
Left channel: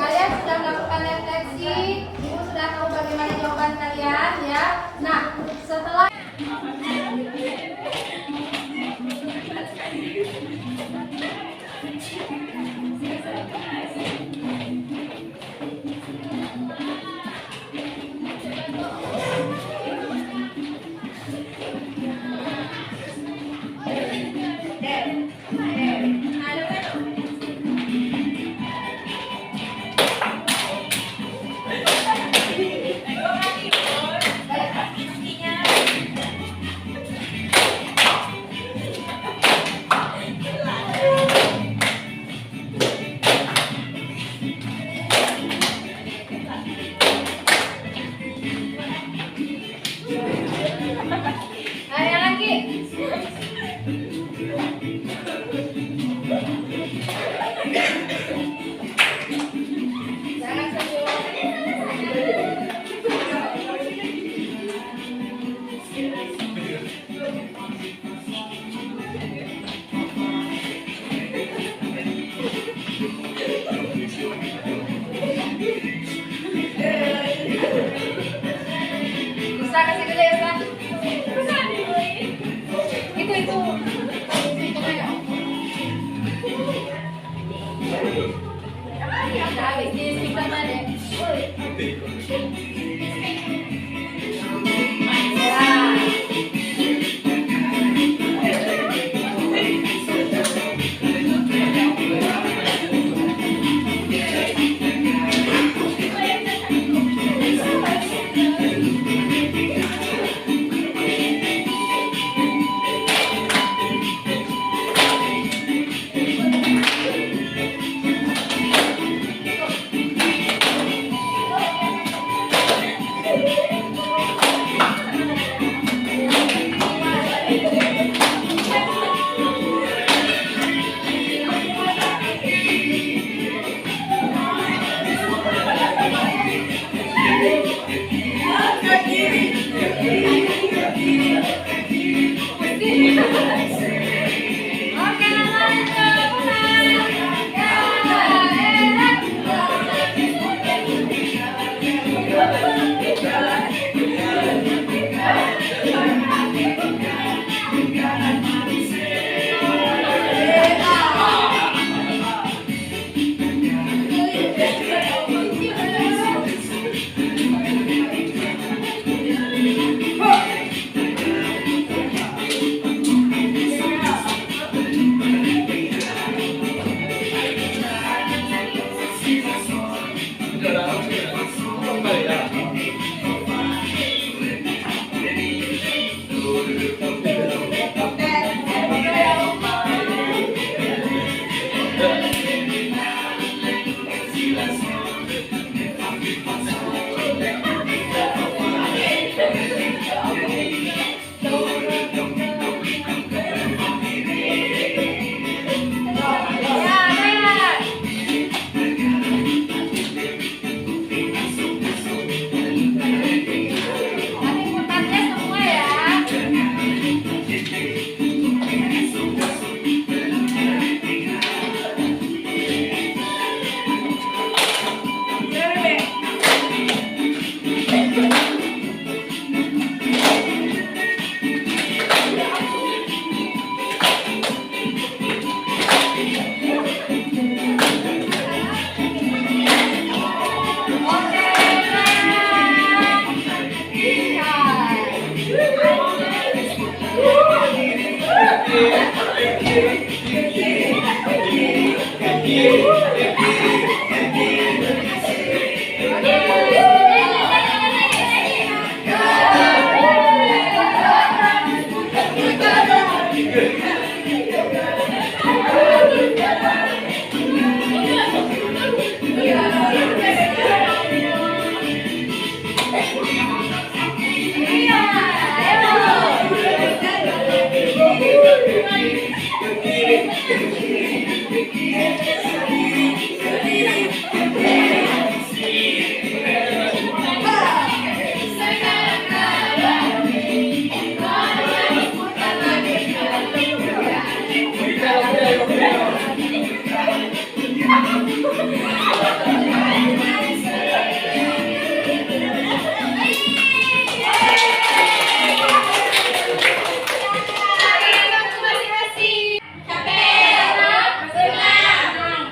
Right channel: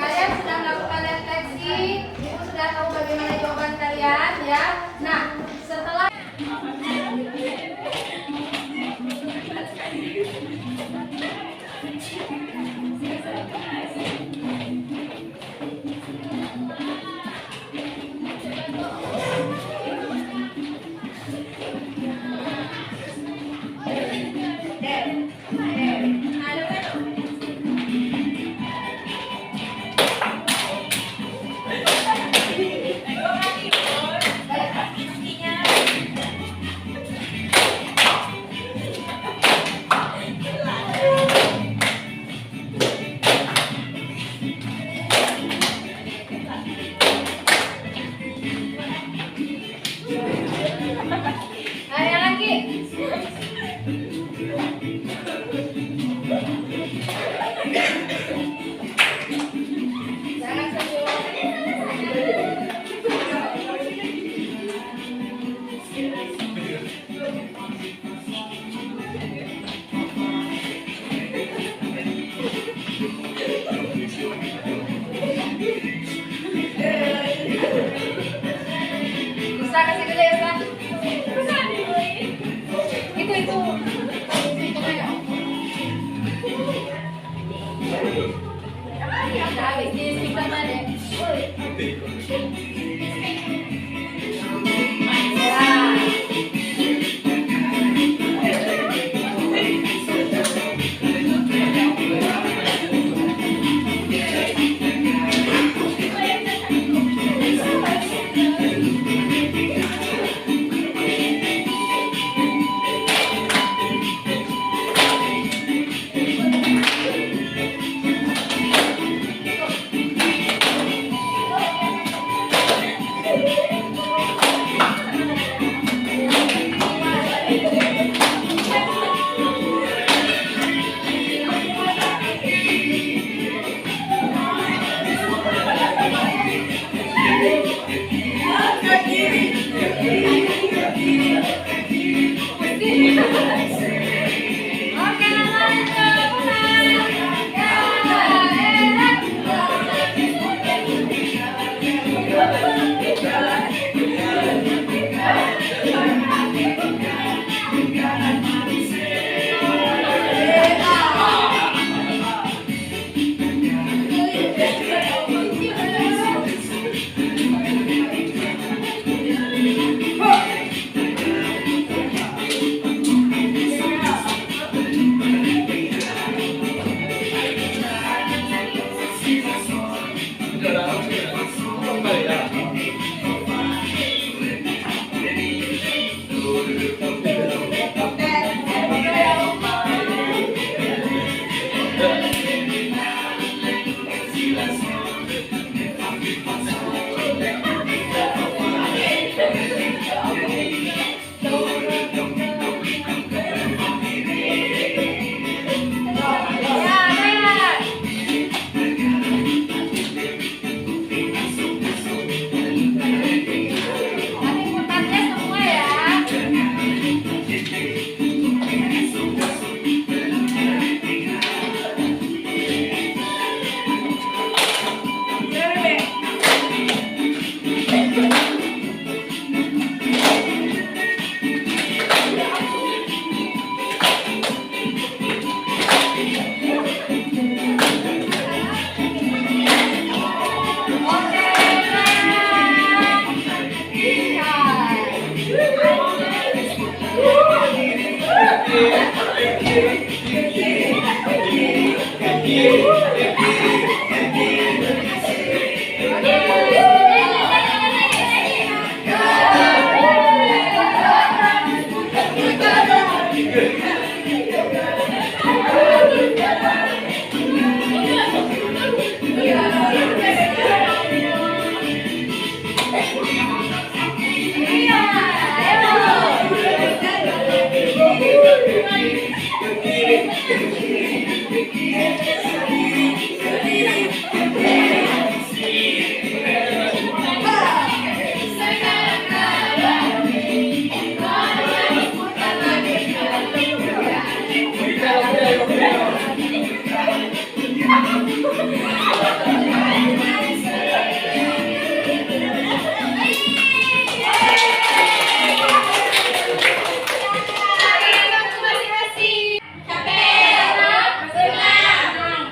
kalian sudah melakukan refleksi. Ibu sudah tahu bagaimana jawaban kalian ya. Nah, setelah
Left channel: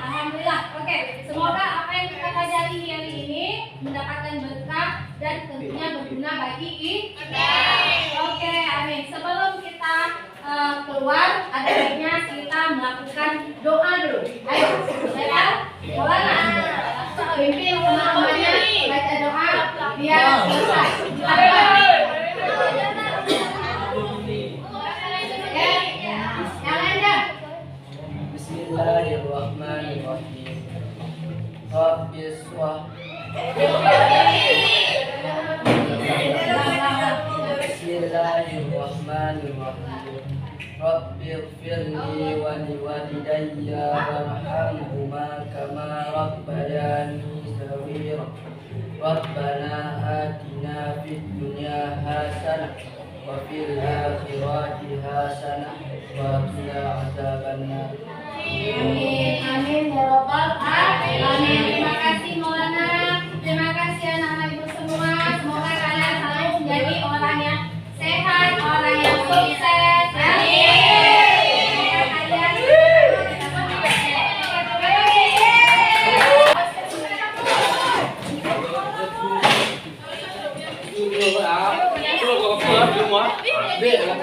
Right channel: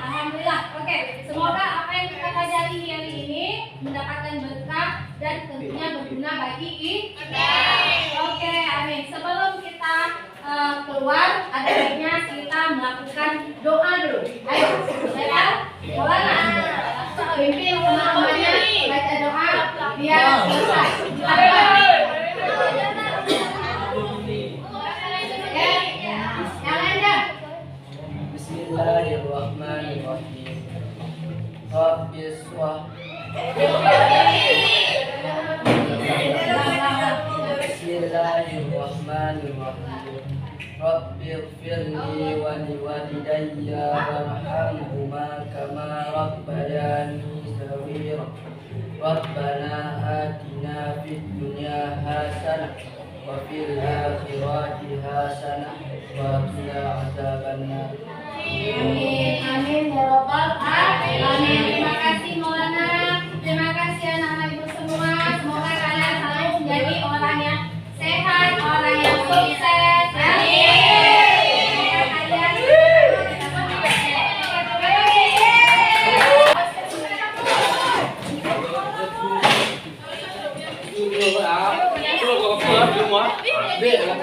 Alhamdulillah. Oke, semoga apa yang kita pelajari hari ini mendapatkan berkah dan tentunya berguna bagi kita. Oke, amin. Sebelum kita keluar, ada baiknya kita melakukan doa dulu. Ayo, saya boleh nggak? Pimpin teman-temannya baca doa biar selesai. Yang lainnya. Bismillahirrahmanirrahim. Rabbis wa Bismillahirrahmanirrahim. Rabbighfirli wa liwalidayya warhamhuma kama rabbayani shaghira. Rabbana atina fid dunya hasanah wa fil akhirati hasanah wa qina adzabannar. Amin, amin ya robbal alamin. Terima kasih Maulana, terima kasih anak-anak ibu semua. Semoga kalian selalu menjadi orang yang sehat, orang yang sukses. Amin. Dek, aku.